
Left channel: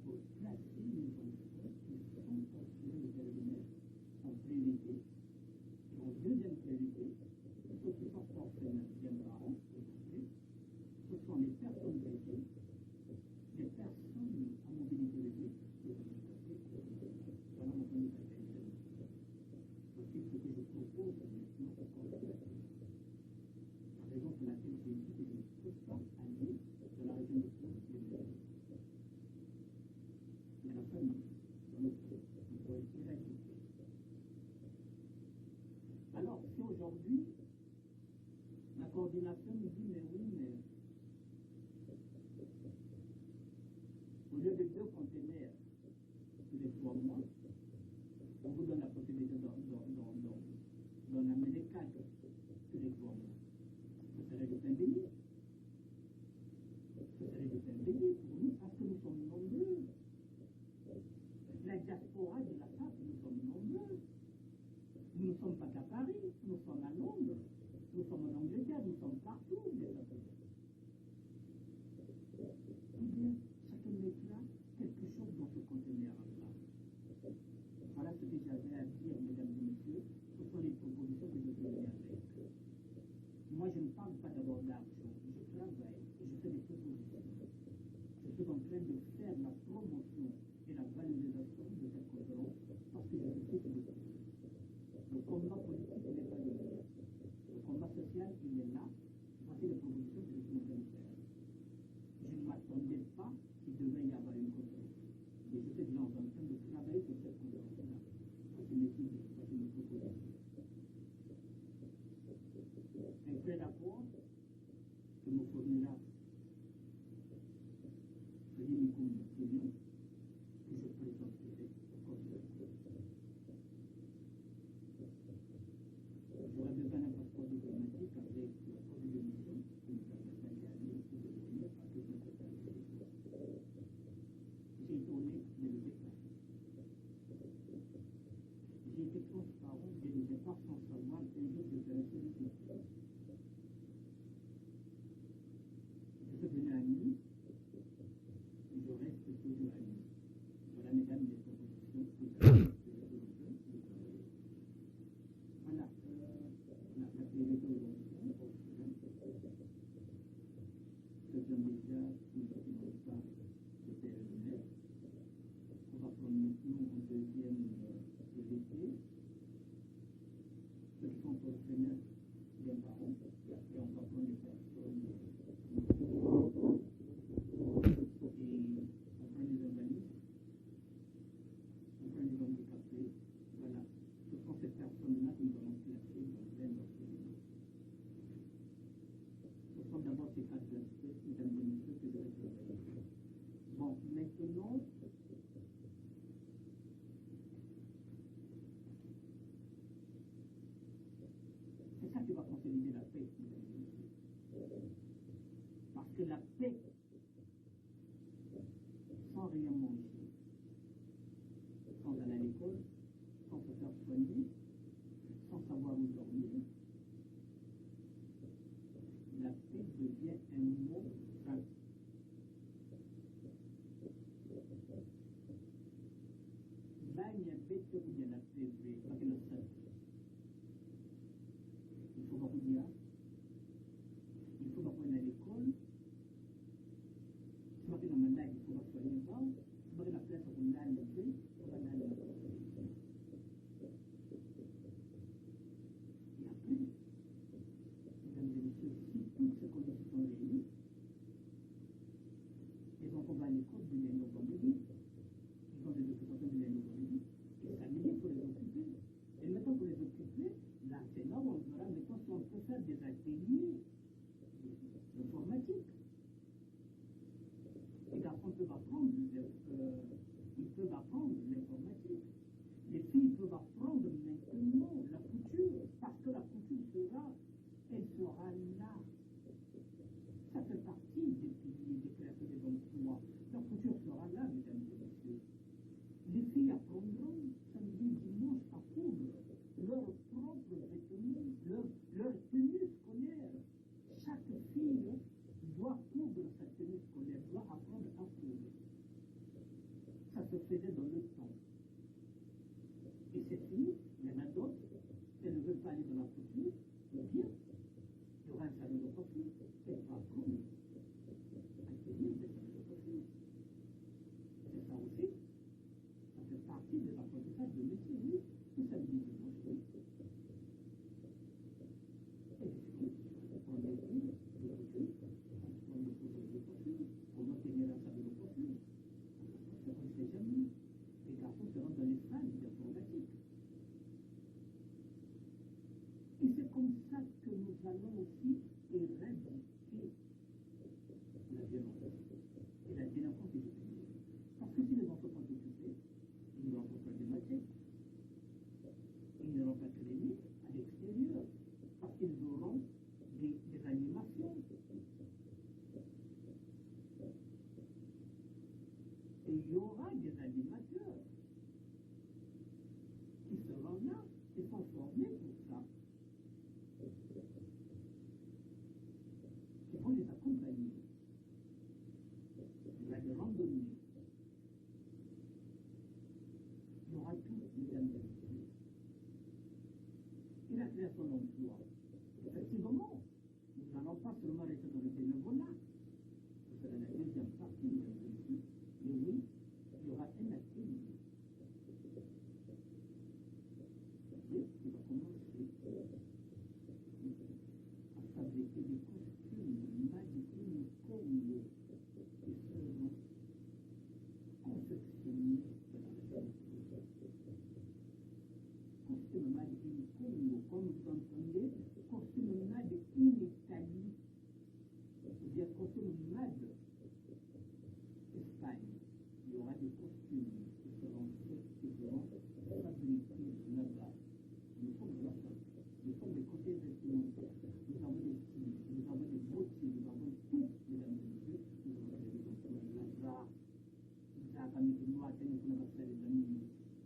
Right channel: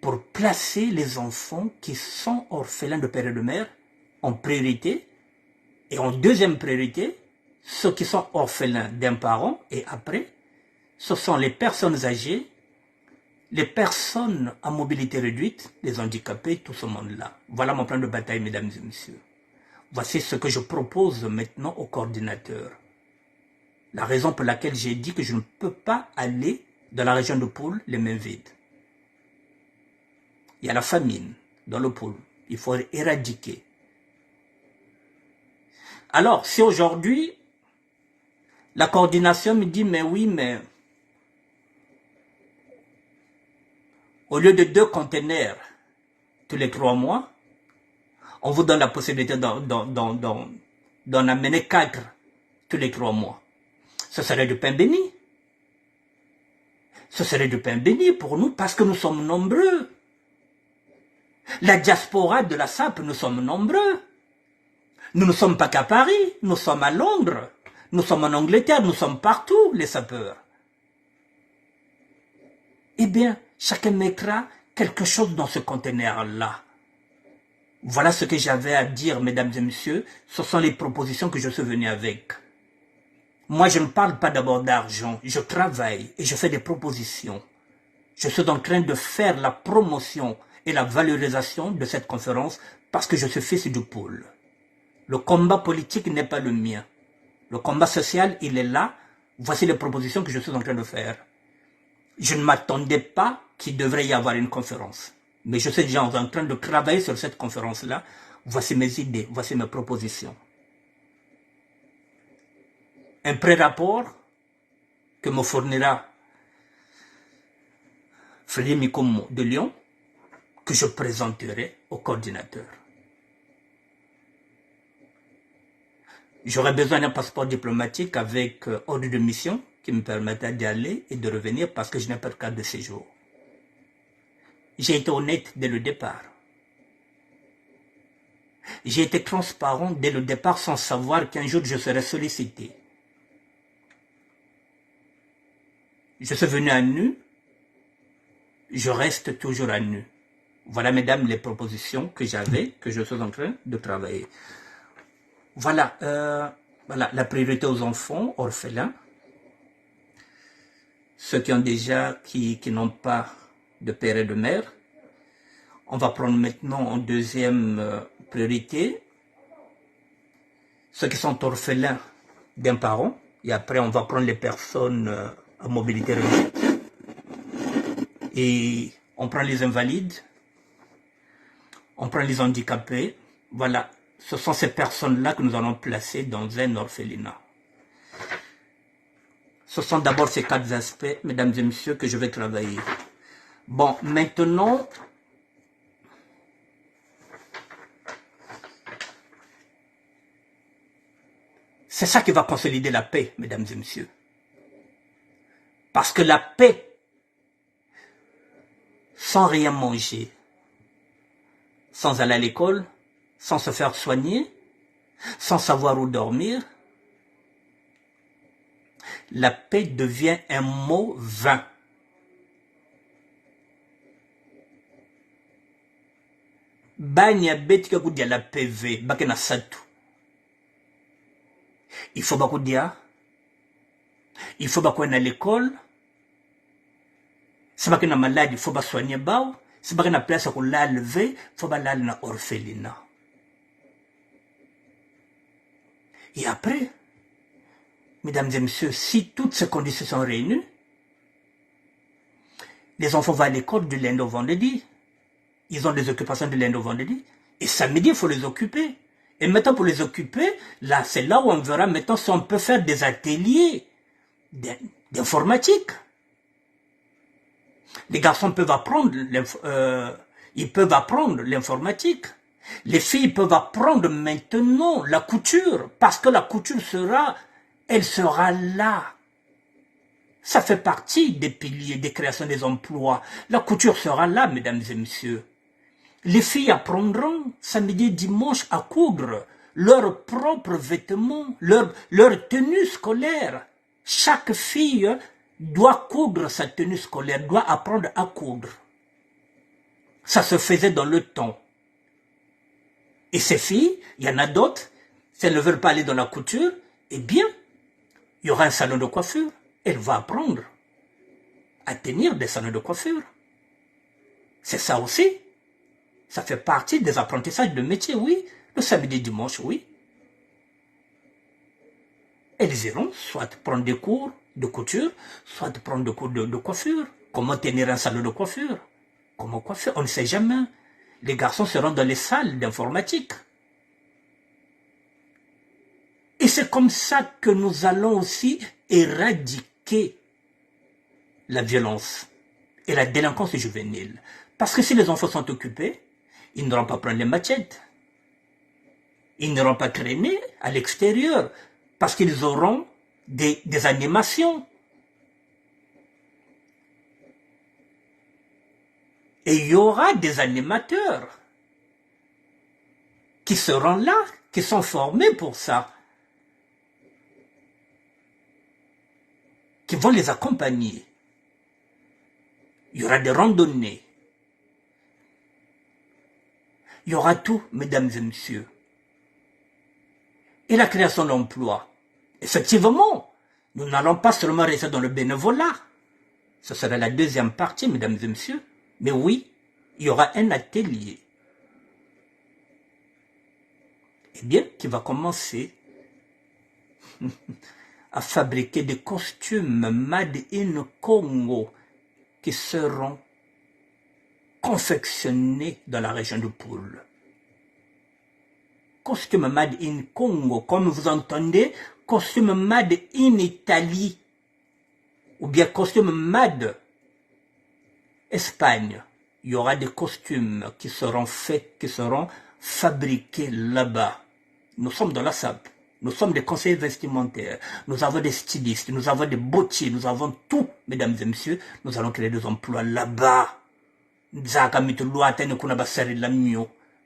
pour placer les enfants qui sont orphelins de père et de mère en priorité, et en deuxième priorité, ceux qui sont orphelins d'un parent, et après, ce sont les personnes âgées, les personnes à mobilité réduite, les handicapés, tout ce monde-là. Voilà mon plan de bataille, mesdames et messieurs. Voici ce que je propose maintenant au coordinateur. La raison pour laquelle j'ai dit que je ne peux pas aller dans la région de Poul les mains vides. Il y a la famine dans le Poul. Il faut éradiquer. Alors, si aujourd'hui, la coordination me dit, mais oui, mais au lieu de 2 conteneurs tous les 3 mois, on vous donne la possibilité d'en amener 4 tous les 3 mois. Ce serait du pain béni. Ce serait du pain béni pour nous parce que nous sommes nombreux. La diaspora de la SAP, nous sommes nombreux. Nous ne sommes pas qu'à Paris, nous sommes à Londres, nous sommes en Angleterre, nous sommes partout, les sapeurs. Eh bien, chacun mettra quelque chose dans ce conteneur-là. Voilà ce que j'avais à dire, mesdames et messieurs. Ce sont les propositions que je suis venu avec. Moi, je ne parle pas d'abord d'argent. Je travaille et je fais des propositions. Je suis en train de faire la promotion et la valorisation de cette conférence parce que je suis fils du Poul. Le combat politique n'est pas le mien. Le combat social, il est là. Voici les propositions que je suis en train de faire. Je ne m'attendais pas qu'il devrait y avoir une conférence. Mais je suis déjà en train de travailler sur cette conférence-là. Voici mes idées, voici mes propositions. Un pré-rapport que me fournira Frédéric Mikomo de Lyon, que je présenterai au coordinateur. J'aurais besoin d'un passeport diplomatique avec ordre de mission qui me permettra d'y aller et de revenir parce que je n'ai pas de carte de séjour. J'ai été honnête dès le départ. J'ai été transparent dès le départ sans savoir qu'un jour je serais sollicité. Je suis venu à nu, je reste toujours à nu. Voilà, mesdames, les propositions que j'avais, que je suis en train de travailler. Voilà, voilà la priorité aux enfants orphelins, ceux qui ont déjà, qui n'ont pas de père et de mère. On va prendre maintenant en deuxième priorité ceux qui sont orphelins d'un parent, et après on va prendre les personnes à mobilité réduite, et on prend les invalides, on prend les handicapés. Voilà, ce sont ces personnes-là que nous allons placer dans un orphelinat. Ce sont d'abord ces 4 aspects, mesdames et messieurs, que je vais travailler. Bon, maintenant, c'est ça qui va consolider la paix, mesdames et messieurs. Parce que la paix, sans rien manger, sans aller à l'école, sans se faire soigner, sans savoir où dormir, la paix devient un mot vain. Banya betika kudia la PV, bakena satu. Il faut bakudia, il faut bakouer à l'école, si bakena malade, il faut soigner bao, si bakena place à la lever, il faut balal na orphelinat. Et après, mesdames et messieurs, si toutes ces conditions sont réunies, les enfants vont à l'école du lundi au vendredi. Ils ont des occupations de lundi au vendredi. Et samedi, il faut les occuper. Et maintenant, pour les occuper, là, c'est là où on verra maintenant si on peut faire des ateliers d'informatique. Les garçons peuvent apprendre l'informatique. Les filles peuvent apprendre maintenant la couture, parce que la couture elle sera là. Ça fait partie des piliers des créations des emplois. La couture sera là, mesdames et messieurs. Les filles apprendront samedi et dimanche à coudre. leurs propres vêtements, leur tenue scolaire. Chaque fille doit coudre sa tenue scolaire, doit apprendre à coudre. Ça se faisait dans le temps. Et ces filles, il y en a d'autres, si elles ne veulent pas aller dans la couture, eh bien, il y aura un salon de coiffure. Elle va apprendre à tenir des salons de coiffure. C'est ça aussi. Ça fait partie des apprentissages de métier, oui. Le samedi et dimanche, oui. Elles iront soit prendre des cours de couture, soit prendre des cours de coiffure. Comment tenir un salon de coiffure? Comment coiffer? On ne sait jamais. Les garçons seront dans les salles d'informatique. Et c'est comme ça que nous allons aussi éradiquer la violence et la délinquance juvénile. Parce que si les enfants sont occupés, ils n'auront pas prendre les machettes. Ils n'auront pas traîner à l'extérieur parce qu'ils auront des animations. Et il y aura des animateurs qui seront là, qui sont formés pour ça, qui vont les accompagner. Il y aura des randonnées. Il y aura tout, mesdames et messieurs. Et la création d'emplois. Effectivement, nous n'allons pas seulement rester dans le bénévolat. Ce sera la deuxième partie, mesdames et messieurs. Mais oui, il y aura un atelier. Eh bien, qui va commencer à fabriquer des costumes made in Congo qui seront confectionnés dans la région de Poule. Costume made in Congo, comme vous entendez, costume made in Italie, ou bien costume made Espagne. Il y aura des costumes qui seront faits, qui seront fabriqués là-bas. Nous sommes dans la SAP. Nous sommes des conseillers vestimentaires. Nous avons des stylistes, nous avons des bottiers, nous avons tout, mesdames et messieurs. Nous allons créer des emplois là-bas.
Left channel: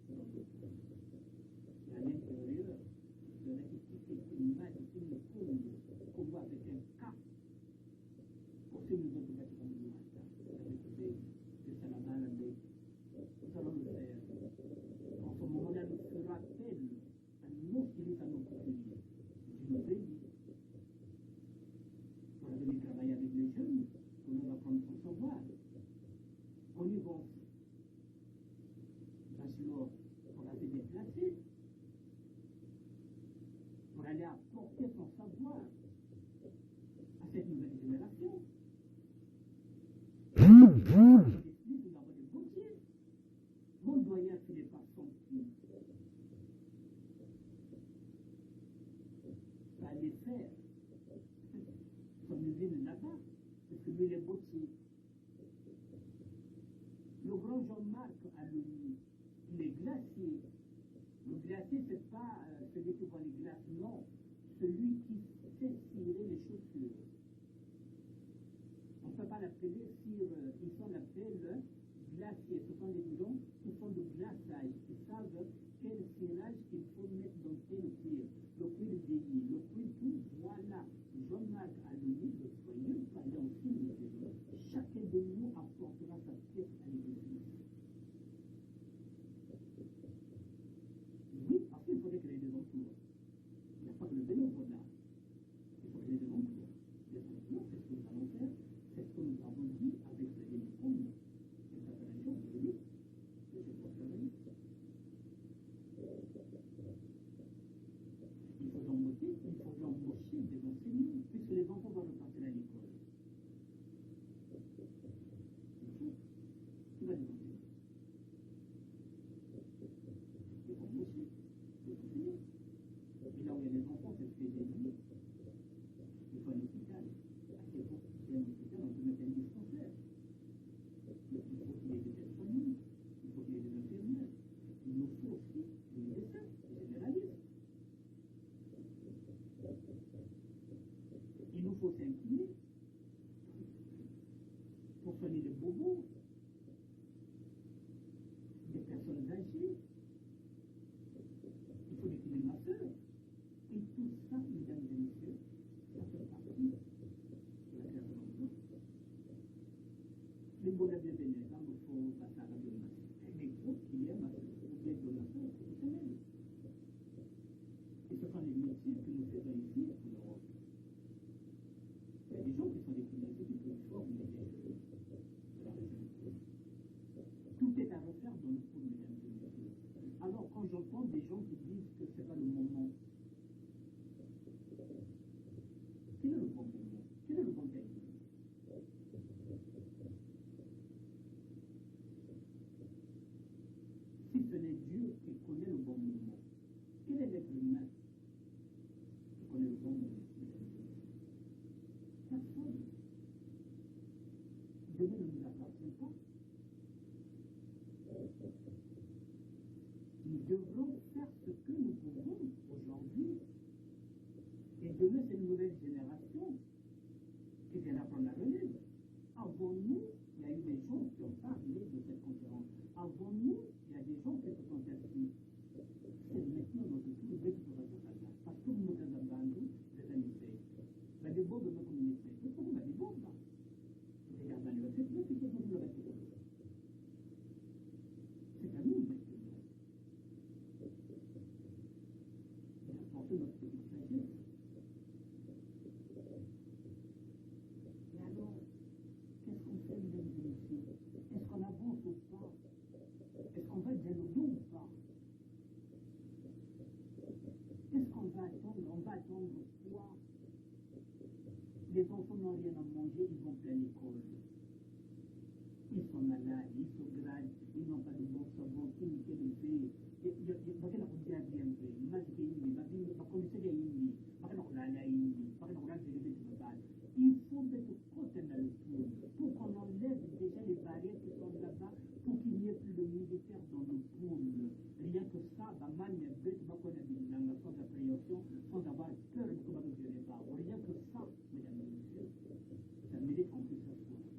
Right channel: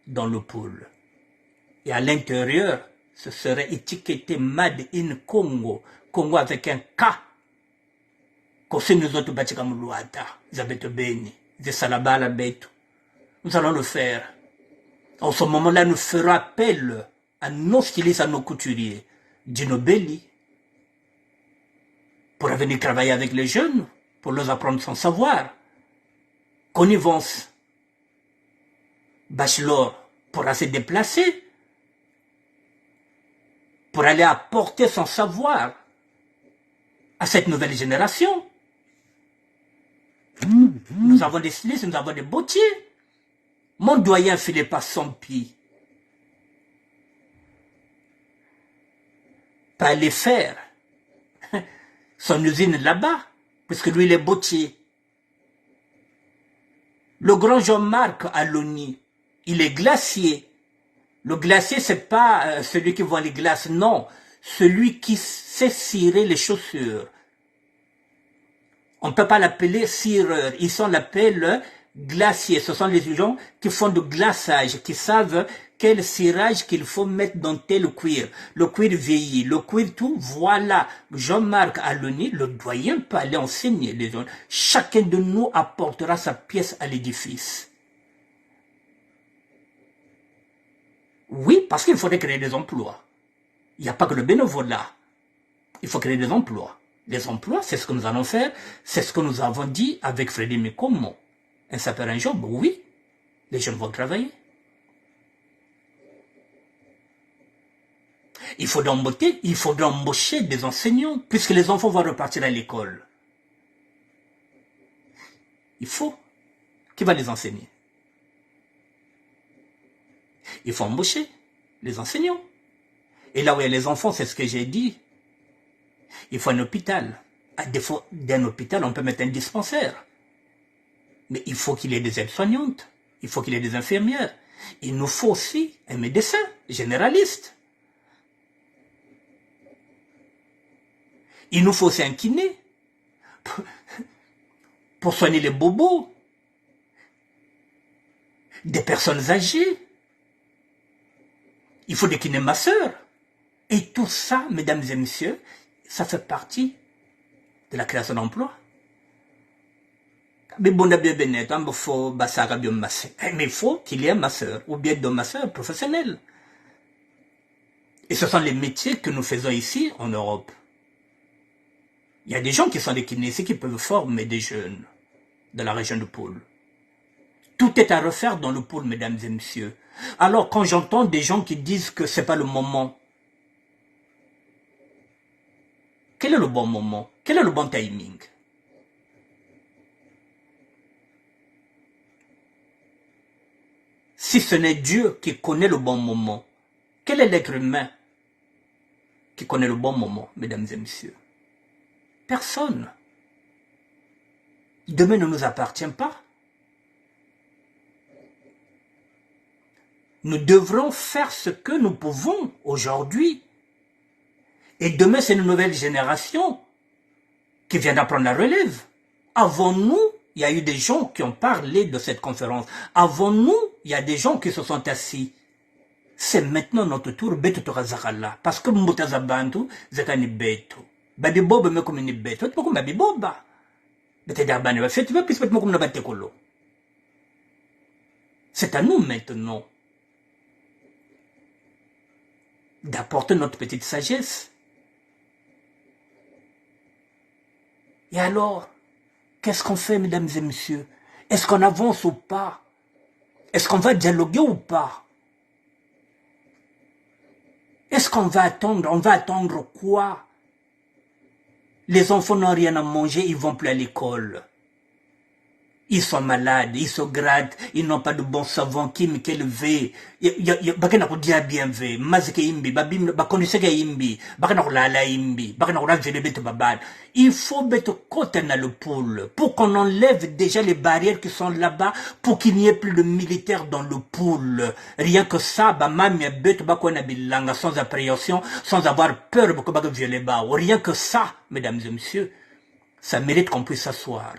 Dans le pôle. Et à l'intérieur, ce serait étiqueté Made in Congo. Congo avec un K. Nous allons le faire. En ce moment-là, nous ferons appel à nos stylistes, à nos couturiers. Dino Belli, pour venir travailler avec les jeunes, pour leur apprendre son savoir. Connivence, Bachelor, pourra se déplacer, pour aller apporter son savoir à cette nouvelle génération. Nous avons des stylistes, nous avons des bottiers. Mon doyen Philippe Sampi, pas aller faire son usine là-bas, puisque lui il est bottier. Le grand Jean-Marc Aloni, il est glacier. Le glacier, c'est pas celui qui vend les glaces, non. Celui qui sait cirer les chaussures. On ne peut pas l'appeler cireur. Ici, on l'appelle glacier. Ce sont les gens qui font du glaçage, qui savent quel cirage qu'il faut mettre dans tel cuir. Le cuir vieilli, le cuir tout, voilà. Jean-Marc Aloni, le doyen, peut aller enseigner les gens. Chacun de nous apportera sa pièce à l'édifice. Oui, parce qu'il faudrait créer des emplois. Il n'y a pas que le bénévolat. Il faut créer des emplois. Les emplois, c'est ce que nous allons faire. C'est ce que nous avons dit avec Frédéric Mikomo. Un sapeur, un job, oui. Les jeunes vont travailler. Il faudra embaucher des enseignants, puisque les enfants vont repartir à l'école. Il faut. Qui va les enseigner? Il faut embaucher les enseignants. Et là où il y a les enfants, c'est ce que j'ai dit. Il faut un hôpital. À défaut d'un hôpital, on peut mettre un dispensaire. Mais il faut qu'il y ait des aides-soignantes. Il faut qu'il y ait des infirmières. Il nous faut aussi un médecin généraliste. Il nous faut aussi un kiné pour soigner les bobos, des personnes âgées. Il faut décliner ma sœur. Et tout ça, mesdames et messieurs, ça fait partie de la création d'emplois. Mais il faut qu'il y ait ma sœur, ou bien de ma sœur professionnelle. Et ce sont les métiers que nous faisons ici en Europe. Il y a des gens qui sont des kinésés qui peuvent former des jeunes de la région de Pôle. Tout est à refaire dans le Pôle, mesdames et messieurs. Alors, quand j'entends des gens qui disent que ce n'est pas le moment, quel est le bon moment? Quel est le bon timing? Si ce n'est Dieu qui connaît le bon moment, quel est l'être humain qui connaît le bon moment, mesdames et messieurs? Personne. Demain ne nous appartient pas. Nous devrons faire ce que nous pouvons aujourd'hui. Et demain, c'est une nouvelle génération qui viendra prendre la relève. Avant nous, il y a eu des gens qui ont parlé de cette conférence. Avant nous, il y a des gens qui se sont assis. C'est maintenant notre tour. Parce que Mboutazabantu, Zekani Beto. Badi Boba me comme une bête. Tu peux comme Babi Boba. C'est à nous maintenant d'apporter notre petite sagesse. Et alors, qu'est-ce qu'on fait, mesdames et messieurs? Est-ce qu'on avance ou pas? Est-ce qu'on va dialoguer ou pas? Est-ce qu'on va attendre? On va attendre quoi? Les enfants n'ont rien à manger, ils ne vont plus à l'école. Ils sont malades, ils se grattent, ils n'ont pas de bon savon, qui me levé. Bakena ko dia bien ve, mazike imbi, babim bakoniseke imbi, bakena ko lala imbi, bakena ko ravele bete babad. Il faut mettre côté dans le pôle pour qu'on enlève déjà les barrières qui sont là-bas pour qu'il n'y ait plus de militaires dans le pôle. Rien que ça, mamie bete bakona bilanga sans appréhension, sans avoir peur de que violer ba. Rien que ça, mesdames et messieurs, ça mérite qu'on puisse s'asseoir.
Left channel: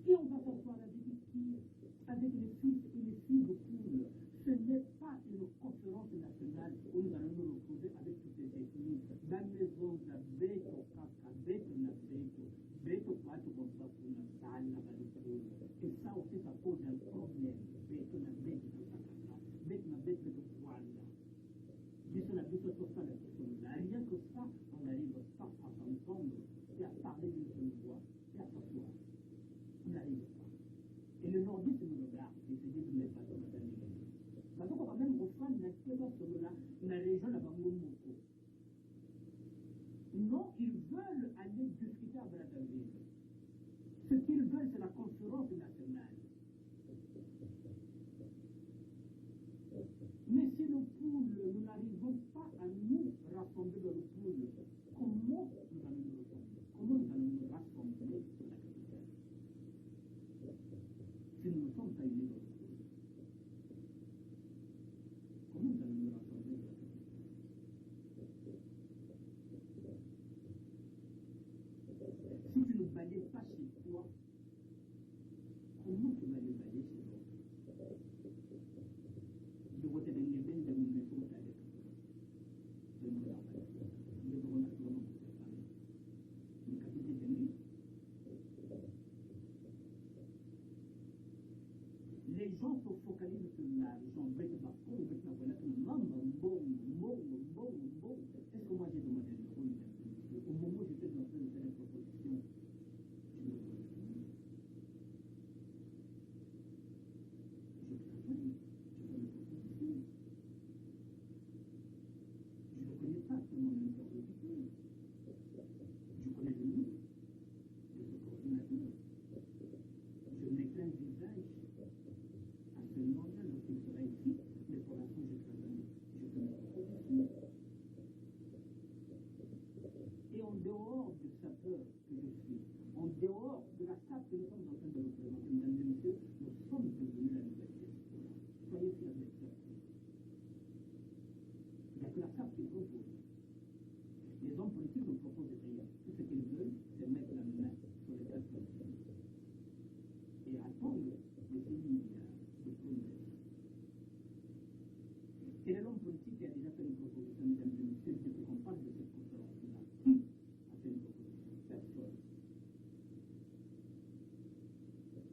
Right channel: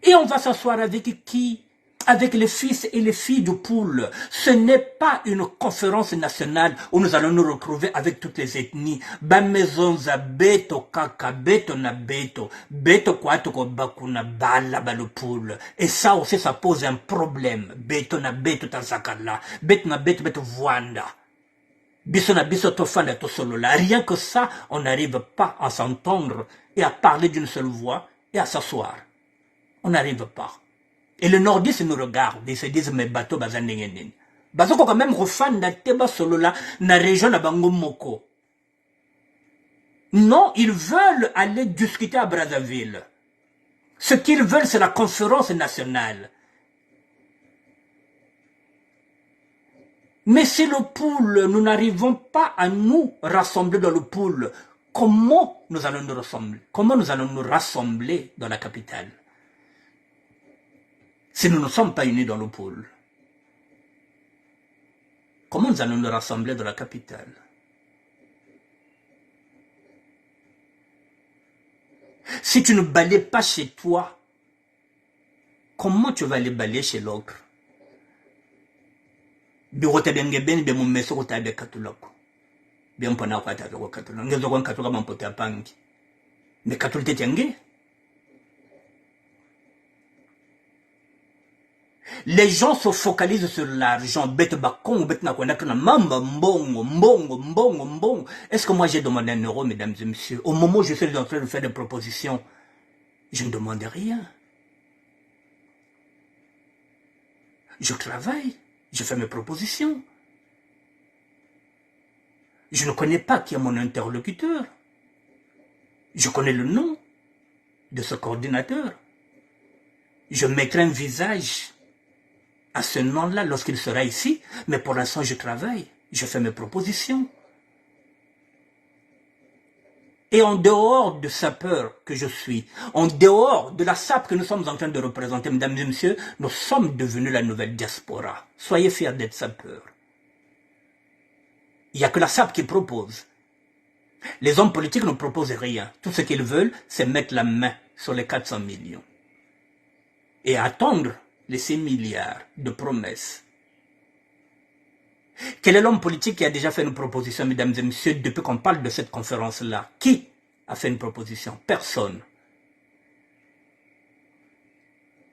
Et on va s'asseoir avec qui? Avec les fils et les filles du Pôle. Ce n'est pas une conférence nationale où nous allons nous retrouver avec toutes les ethnies. Bamezonza beto kaka beto na beto. Beto kwato ko bakuna bala ba le Pôle. Et ça aussi, ça pose un problème. Beto na beto tanzakala. Beto na beto beto voanda. Biso na biso tofanda to solo là. Rien que ça, on n'arrive pas à s'entendre et à parler d'une seule voix et à s'asseoir. On n'arrive pas. Et les nordistes nous regardent, ils se disent, mais bateau bazandengenin. Bazo quand même refanda teba solo là, na région na bango moko. Non, ils veulent aller discuter à Brazzaville. Ce qu'ils veulent, c'est la conférence nationale. Mais si le Pôle, nous n'arrivons pas à nous rassembler dans le Pôle, comment nous allons nous rassembler? Comment nous allons nous rassembler dans la capitale? Si nous ne sommes pas unis dans le Pôle, comment nous allons nous rassembler dans la capitale? Si tu ne balayes pas chez toi, comment tu vas aller balayer chez l'autre? Mais les gens se focalisent sur l'argent. Est-ce que moi j'ai demandé 1 euro, mesdames et messieurs? Au moment où je suis en train de faire des propositions, je ne demande rien. Je travaille, je fais mes propositions. Je ne connais pas qui est mon interlocuteur. Je connais le nom de ce coordinateur. Je mettrai un visage à ce nom-là lorsqu'il sera ici, mais pour l'instant je travaille, je fais mes propositions. Et en dehors de sapeur que je suis, en dehors de la SAP que nous sommes en train de représenter, mesdames et messieurs, nous sommes devenus la nouvelle diaspora. Soyez fiers d'être sapeurs. Il n'y a que la SAP qui propose. Les hommes politiques ne proposent rien. Tout ce qu'ils veulent, c'est mettre la main sur les 400 millions. Et attendre les 6 milliards de promesses. Quel est l'homme politique qui a déjà fait une proposition, mesdames et messieurs, depuis qu'on parle de cette conférence-là? Qui a fait une proposition? Personne.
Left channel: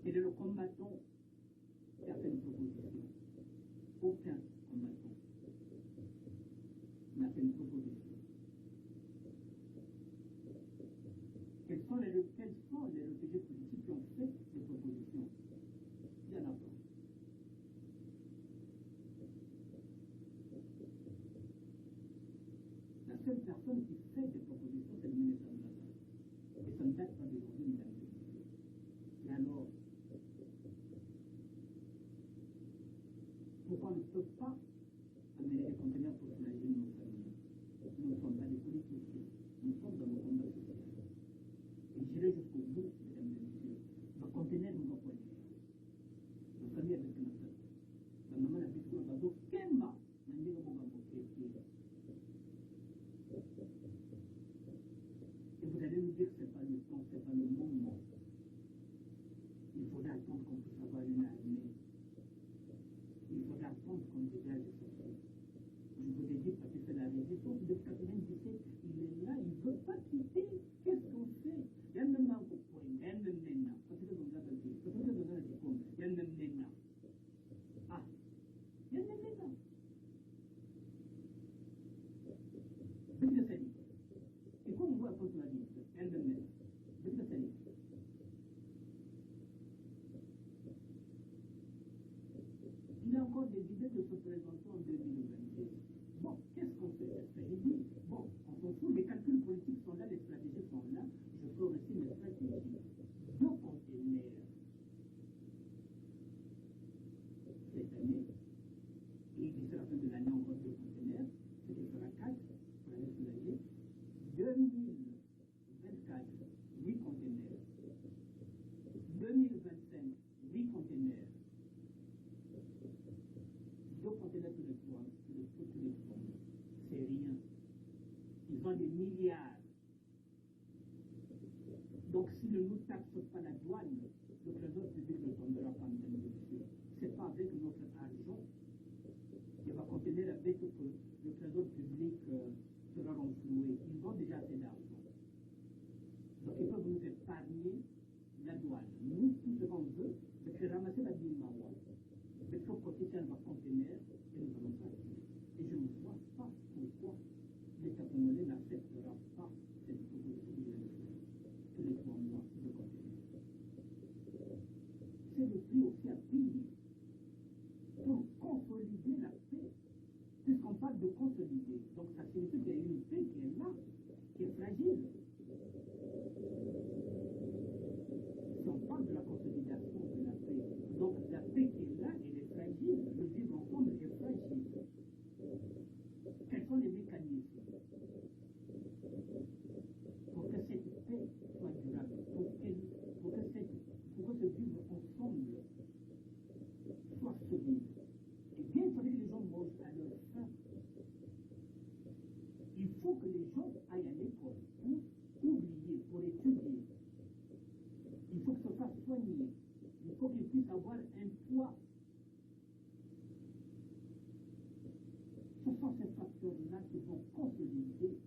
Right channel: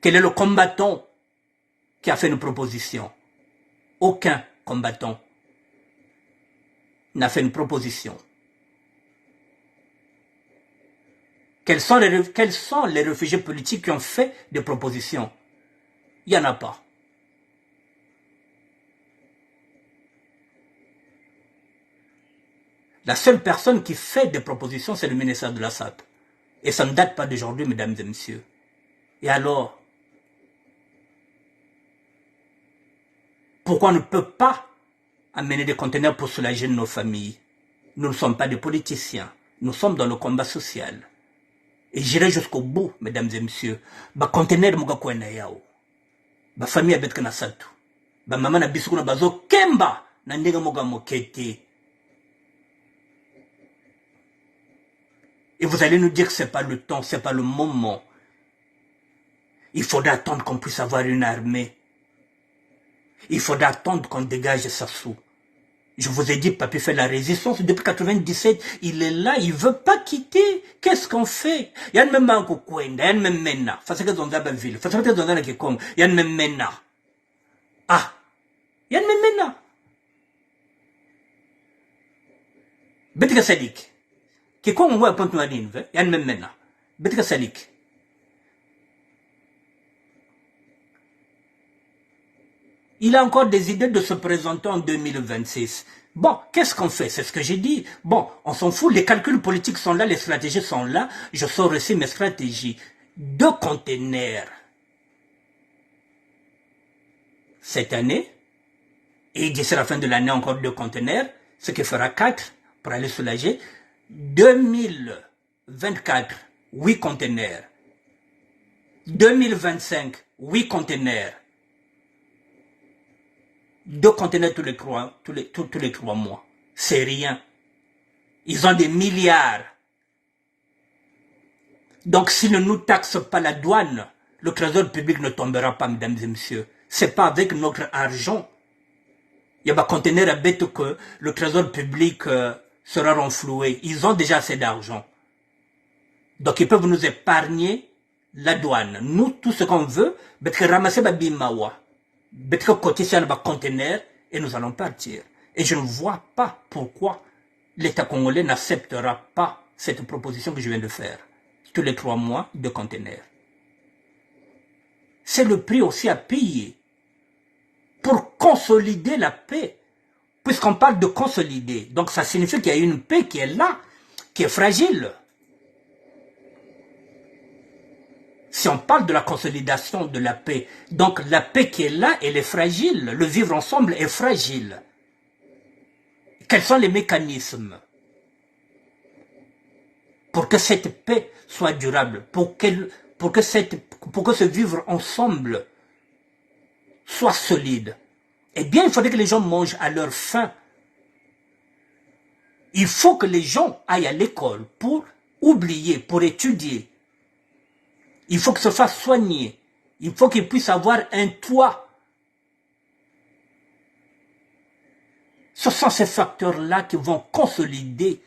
Quel est le combattant qui a fait une proposition? Aucun combattant n'a fait une proposition. Quels sont les réfugiés politiques qui ont fait des propositions? Il n'y en a pas. La seule personne qui fait des propositions, c'est le ministère de l'Assad. Et ça ne date pas d'aujourd'hui, mesdames et messieurs. Et alors, pourquoi on ne peut pas amener des conteneurs pour soulager nos familles? Nous ne sommes pas des politiciens. Nous sommes dans le combat social. Et j'irai jusqu'au bout, mesdames et messieurs. Ba conteneur muga kwena yao. Ba famille abet kana satu. Ba mama na bisu kuna bazo kemba na ndenge muga mokete. Et vous allez nous dire que ce n'est pas le temps, ce n'est pas le moment. Il faudra attendre qu'on puisse avoir une armée. Il faudra attendre qu'on dégage Sassou. Je vous ai dit, Papi fait la résistance depuis 97. Il est là, il ne veut pas quitter. Qu'est-ce qu'on fait? Il y a même un Kwenda, il y a même Mena. Parce que dans la ville, parce que dans la Kikong, il y a même Mena. Ah, il y a même Mena. Betika Sadik. Kikong, on voit un point de il y a même Mena. Betika Sadik. Il a encore des idées de se présenter en 2026. Bon, qu'est-ce qu'on fait? C'est ce que j'ai dit. Bon, on s'en fout, les calculs politiques sont là, les stratégies sont là. Je sors aussi mes stratégies. 2 conteneurs cette année, et d'ici la fin de l'année encore 2 conteneurs, ce qui fera 4 pour aller soulager. 2024, 8 conteneurs. 2025, 8 conteneurs. 2 conteneurs tous les 3 mois. C'est rien. Ils ont des milliards. Donc s'ils ne nous taxent pas la douane, le trésor public ne tombera pas, mesdames et messieurs. Ce n'est pas avec notre argent. Il y a des conteneurs à bête que le trésor public sera renfloué. Ils ont déjà assez d'argent. Donc ils peuvent nous épargner la douane. Nous, tout ce qu'on veut, c'est ramasser la bimawa. Côté sur le conteneur et nous allons partir. Et je ne vois pas pourquoi l'État congolais n'acceptera pas cette proposition que je viens de faire. Tous les 3 mois, 2 conteneurs. C'est le prix aussi à payer pour consolider la paix. Puisqu'on parle de consolider, donc ça signifie qu'il y a une paix qui est là, qui est fragile. Si on parle de la consolidation de la paix, donc la paix qui est là, elle est fragile. Le vivre ensemble est fragile. Quels sont les mécanismes pour que cette paix soit durable, pour que ce vivre ensemble soit solide? Eh bien, il faudrait que les gens mangent à leur faim. Il faut que les gens aillent à l'école pour oublier, pour étudier. Il faut que se fasse soigner. Il faut qu'il puisse avoir un toit. Ce sont ces facteurs-là qui vont consolider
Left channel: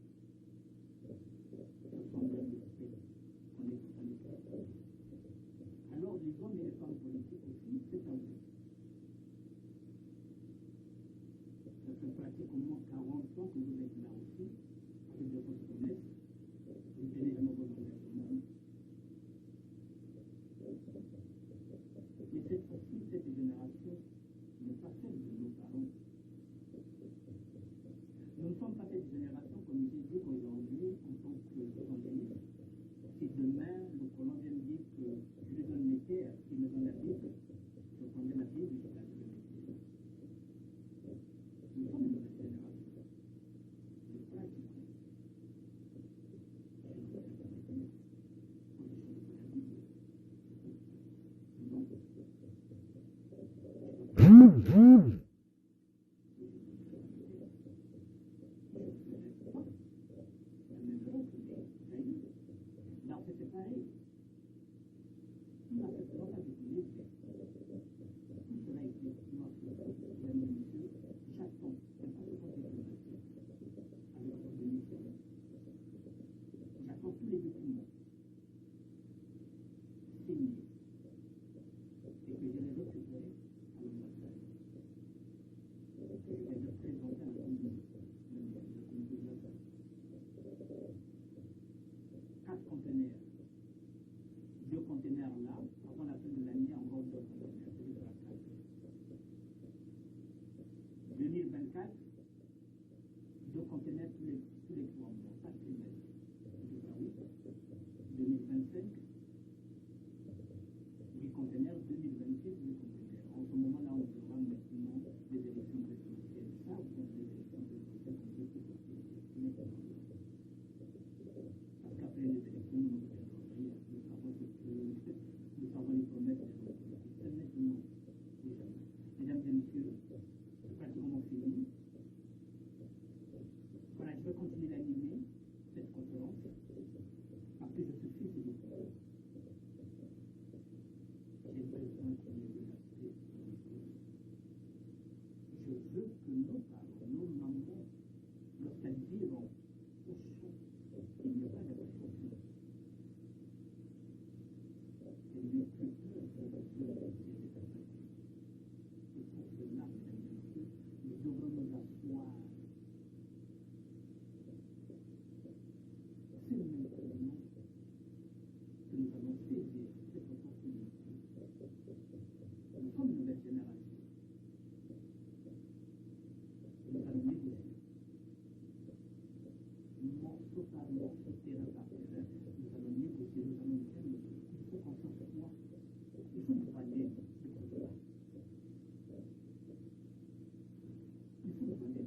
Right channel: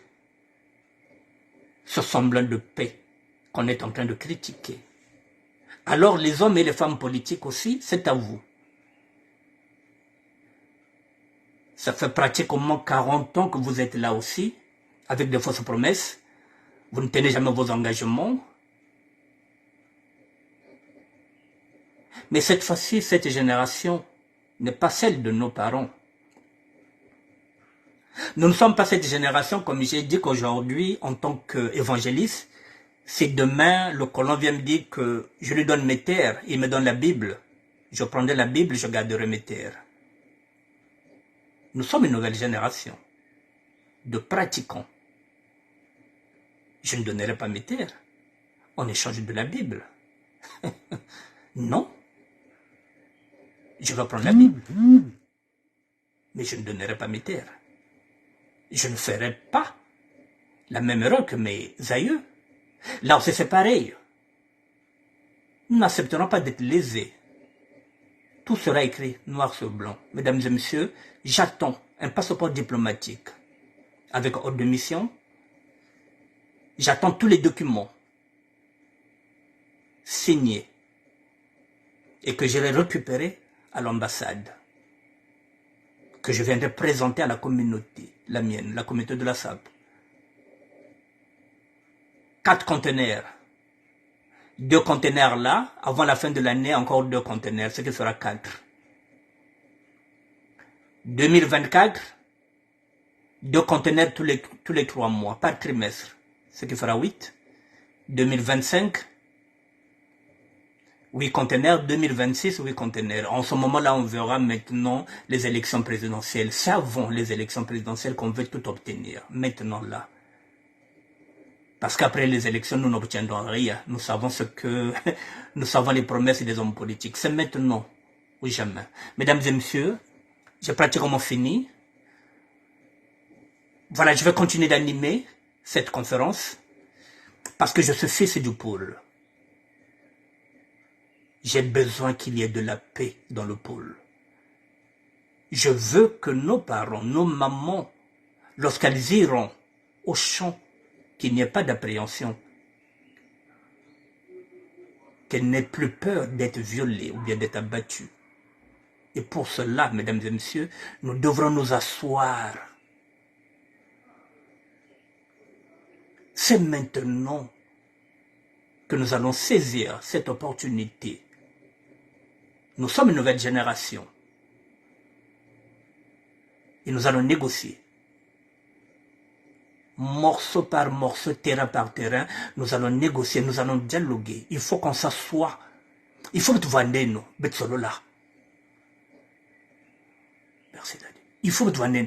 ce semblant de paix qu'on est en train de critiquer. Alors les hommes et les femmes politiques aussi, c'est à vous. Ça fait pratiquement 40 ans que vous êtes là aussi, avec de fausses promesses. Vous ne tenez jamais vos engagements. Mais cette fois-ci, cette génération n'est pas celle de nos parents. Nous ne sommes pas cette génération, comme j'ai dit qu'aujourd'hui, en tant qu'évangéliste, si demain le colon vient me dire que je lui donne mes terres, il me donne la Bible, je prendrai la Bible, je garderai mes terres. Nous sommes une nouvelle génération de pratiquants. Je ne donnerai pas mes terres en échange de la Bible. Non. Je vais prendre la Bible, mais je ne donnerai pas mes terres. Je ne ferai pas la même erreur que mes aïeux. Là aussi c'est pareil. Nous n'accepterons pas d'être lésés. tout sera écrit noir sur blanc. Mesdames et messieurs, j'attends un passeport diplomatique avec ordre de mission. J'attends tous les documents signés et que je les récupérer à l'ambassade, que je viendrai présenter à la communauté, la mienne, la communauté de la SAP. 4 conteneurs. 2 conteneurs là, avant la fin de l'année, encore 2 conteneurs, ce qui sera 4. 2024, 2 conteneurs tous les 3 mois, par trimestre, ce qui fera 8. 2025, 8 conteneurs, 2026, 8 conteneurs. En ce moment-là, on verra maintenant les élections présidentielles. Savons les élections présidentielles qu'on veut tout obtenir, maintenant là. Parce qu'après les élections, nous n'obtiendrons rien. Nous savons nous savons les promesses des hommes politiques. C'est maintenant ou jamais. Mesdames et messieurs, j'ai pratiquement fini. Voilà, je vais continuer d'animer cette conférence parce que je suis fils du pôle. J'ai besoin qu'il y ait de la paix dans le pôle. Je veux que nos parents, nos mamans, lorsqu'elles iront au champ, qu'il n'y ait pas d'appréhension, qu'elles n'aient plus peur d'être violées ou bien d'être abattues. Et pour cela, mesdames et messieurs, nous devrons nous asseoir. C'est maintenant que nous allons saisir cette opportunité. Nous sommes une nouvelle génération. Et nous allons négocier. Morceau par morceau, terrain par terrain, nous allons négocier, nous allons dialoguer. Il faut qu'on s'assoie. Il faut que tu vendes nous, Betsolola. Merci Daddy. Il faut que tu vendes.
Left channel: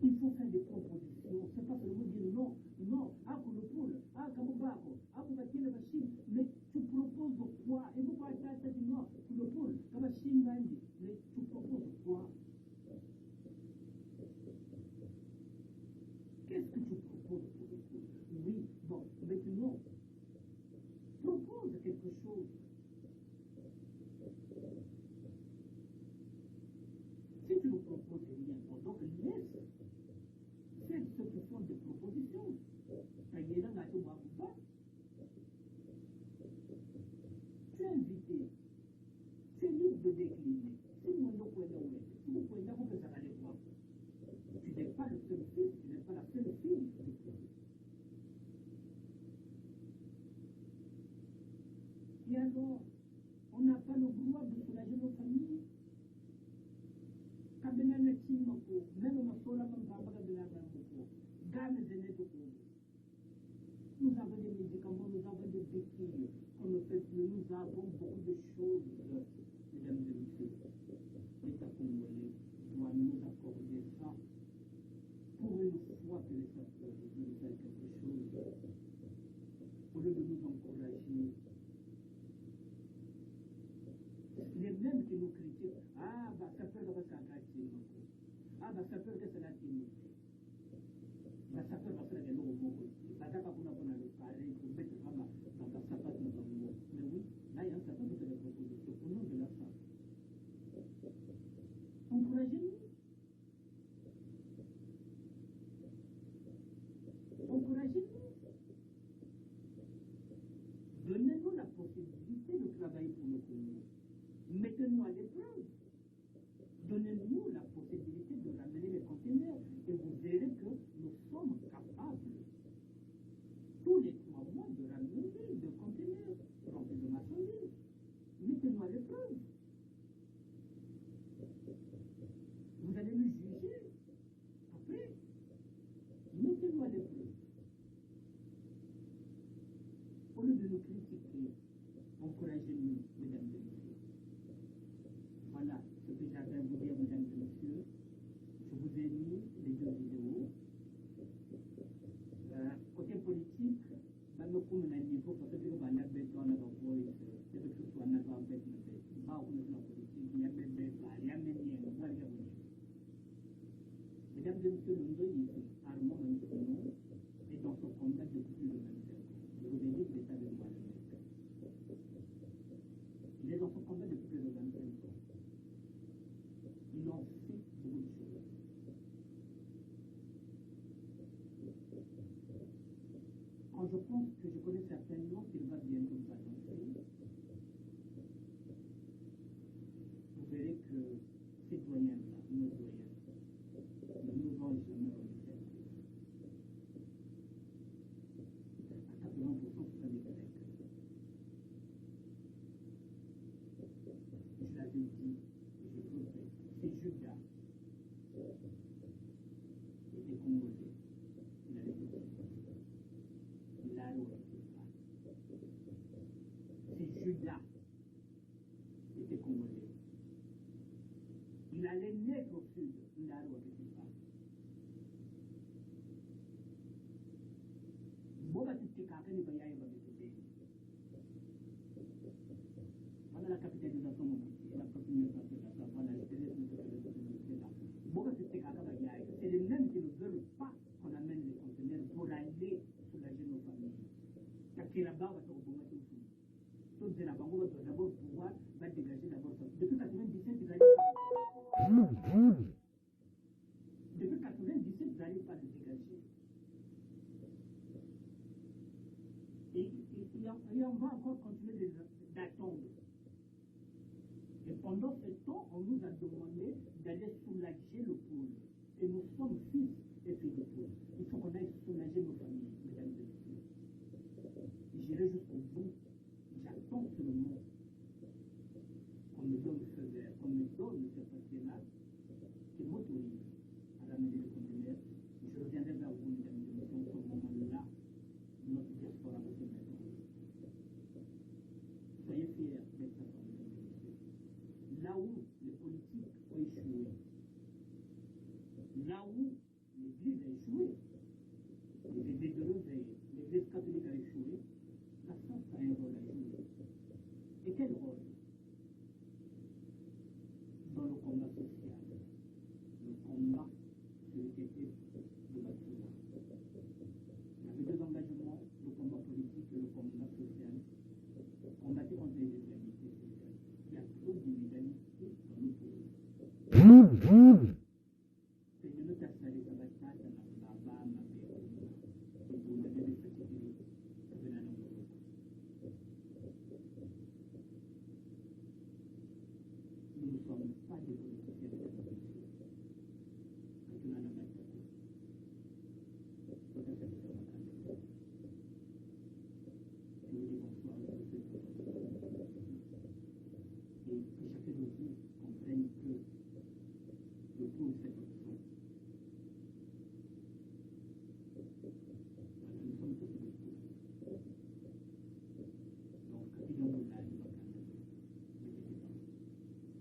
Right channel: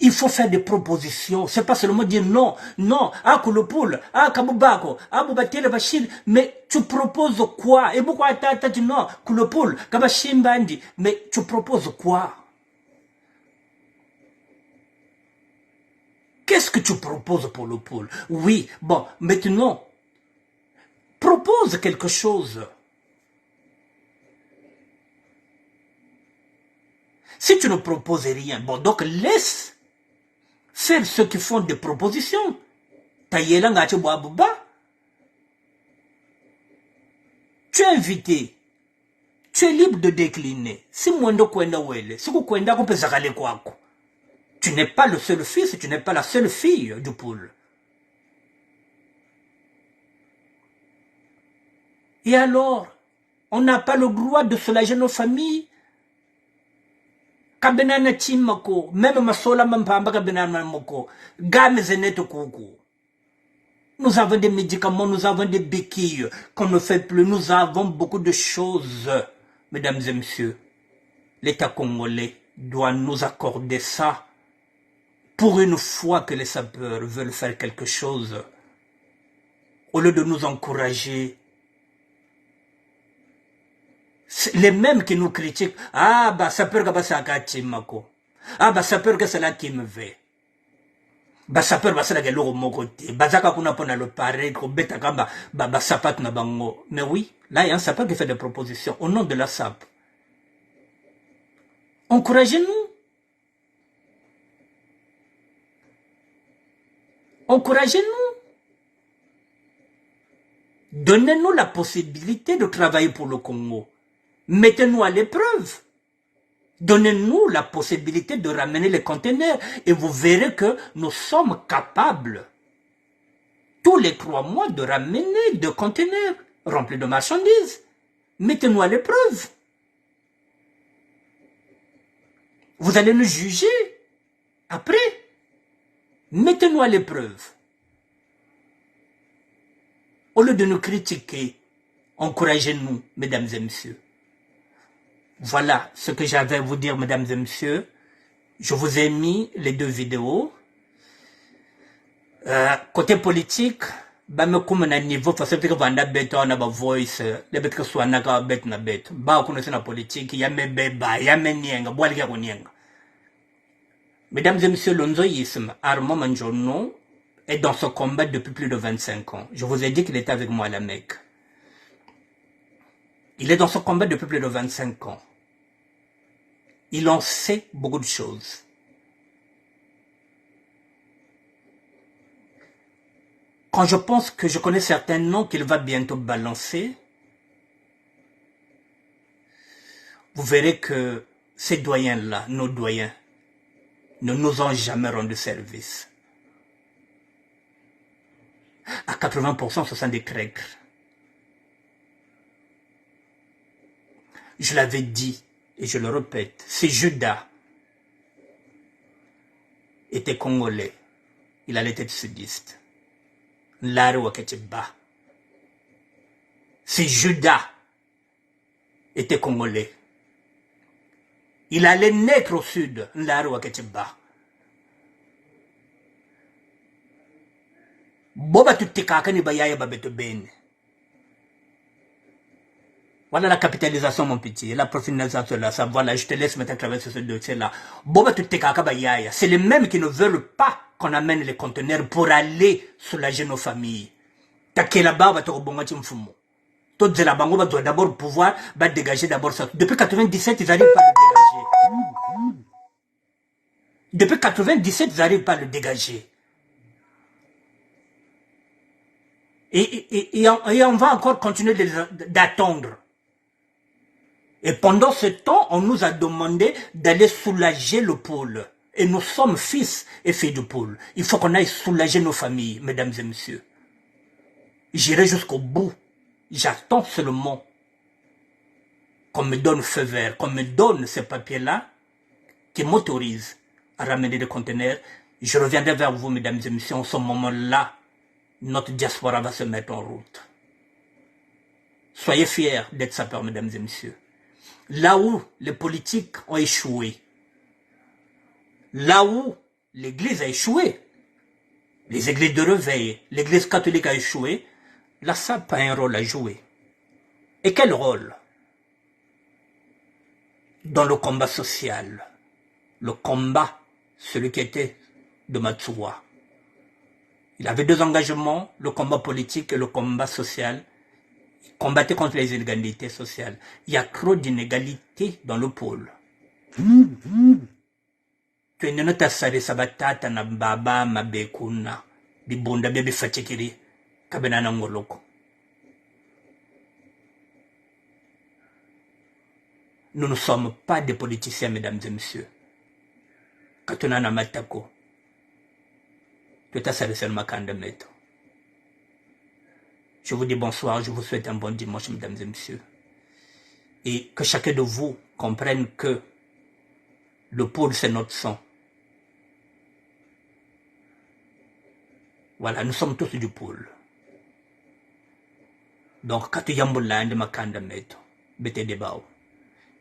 Il faut faire des propositions. C'est pas seulement dire non, non, ah Koulopoul, ah Kaboubako, ah Boubatele Bachir, mais tu proposes quoi? Et pourquoi t'as dit non, Koulopoul, Kabachim Bandi, mais tu proposes quoi? Qu'est-ce que tu proposes pour le pôle? Oui, bon, maintenant, propose quelque chose. Si tu ne proposes rien, bon, donc laisse faire ceux qui font des propositions. Tu es invité. Tu es libre de décliner. Si Mwendo Kwenda Wele, si Kwenda Kompezakale Kwako. Tu n'es pas le seul fils, tu n'es pas la seule fille du pôle. Et alors, on n'a pas le droit de soulager nos familles. Kabenana Timako, même Masola Mampamba Kabenana Moko, Game Zeneto Koko. Nous avons des médicaments, nous avons des béquilles qu'on ne fait plus. Nous avons beaucoup de choses, mesdames et messieurs. L'État congolais doit nous accorder ça. Pour une fois que les sapeurs veulent faire quelque chose, au lieu de nous encourager, les mêmes qui nous critiquent, ah bah sapeur que ça mako, ah bah sapeur que c'est là qui me veut, bah sapeur bah c'est là que l'eau mon côté, bah ça qu'on a pour le pareil, qu'on bête à bah sapat na bango, mais oui, là il y a un sapeur qui fait des propositions au nom de la SAP. Encouragez-nous. Encouragez-nous. Donnez-nous la possibilité de travailler pour le Congo. Mettez-nous à l'épreuve. Donnez-nous la possibilité de ramener les conteneurs et vous verrez que nous sommes capables tous les 3 mois de ramener 2 conteneurs remplis de marchandises. Mettez-nous à l'épreuve. Vous allez nous juger après. Mettez-nous à l'épreuve. Au lieu de nous critiquer, encouragez-nous, mesdames et messieurs. Voilà ce que j'avais à vous dire, mesdames et messieurs. Je vous ai mis les 2 vidéos. Côté politique, bah me comme un niveau parce que vanda bête on a ba voice les bêtes que soit na ka bête na bête ba ko na politique ya me beba ya me nienga boali ka nienga. Mesdames et messieurs, l'onzoïsme, Armand Manjono, est dans ce combat depuis plus de 25 ans. Je vous ai dit qu'il était avec moi à la Mecque. Il est dans ce combat depuis plus de 25 ans. Il en sait beaucoup de choses. Quand je pense que je connais certains noms qu'il va bientôt balancer, vous verrez que ces doyens-là, nos doyens, ne nous ont jamais rendu service. À 80%, ce sont des Grecs. Je l'avais dit, et je le répète, si Judas était congolais, il allait être sudiste. Si Judas était congolais, il allait naître au sud. Boba tutikaka ni bayaya babeto bene. Voilà la capitalisation, mon petit, la professionnalisation là, ça, voilà, je te laisse maintenant traverser ce dossier-là. Boba tutikaka bayaya, c'est les mêmes qui ne veulent pas qu'on amène les conteneurs pour aller soulager nos familles. Takela baba to bongati mfumo. Toutes les bango doivent d'abord pouvoir dégager d'abord ça. Depuis 97, ils n'arrivent pas à le dégager. Depuis 97, ils n'arrivent pas à le dégager. Et on va encore continuer d'attendre. Et pendant ce temps, on nous a demandé d'aller soulager le pôle. Et nous sommes fils et filles du pôle. Il faut qu'on aille soulager nos familles, mesdames et messieurs. J'irai jusqu'au bout. J'attends seulement qu'on me donne feu vert, qu'on me donne ces papiers-là qui m'autorisent à ramener des conteneurs. Je reviendrai vers vous, mesdames et messieurs. En ce moment-là, notre diaspora va se mettre en route. Soyez fiers d'être sapeurs, mesdames et messieurs. Là où les politiques ont échoué, là où l'Église a échoué, les églises de réveil, l'Église catholique a échoué, la SAP a un rôle à jouer. Et quel rôle? Dans le combat social, le combat, celui qui était de Matsuwa. Il avait deux engagements, le combat politique et le combat social. Il combattait contre les inégalités sociales. Il y a trop d'inégalités dans le pôle. Tu es nota sare sabatata na baba mabekuna bibunda bebe fatikiri kabena na ngoloko. Nous ne sommes pas des politiciens, mesdames et messieurs. Katuna na matako. Je vous dis bonsoir, je vous souhaite un bon dimanche, mesdames et messieurs. Et que chacun de vous comprenne que le pôle, c'est notre sang. Voilà, nous sommes tous du pôle. Donc,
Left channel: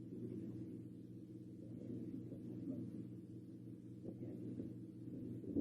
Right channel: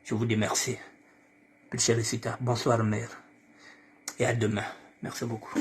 je vous dis merci. Bonsoir, mère. Et à demain. Merci beaucoup.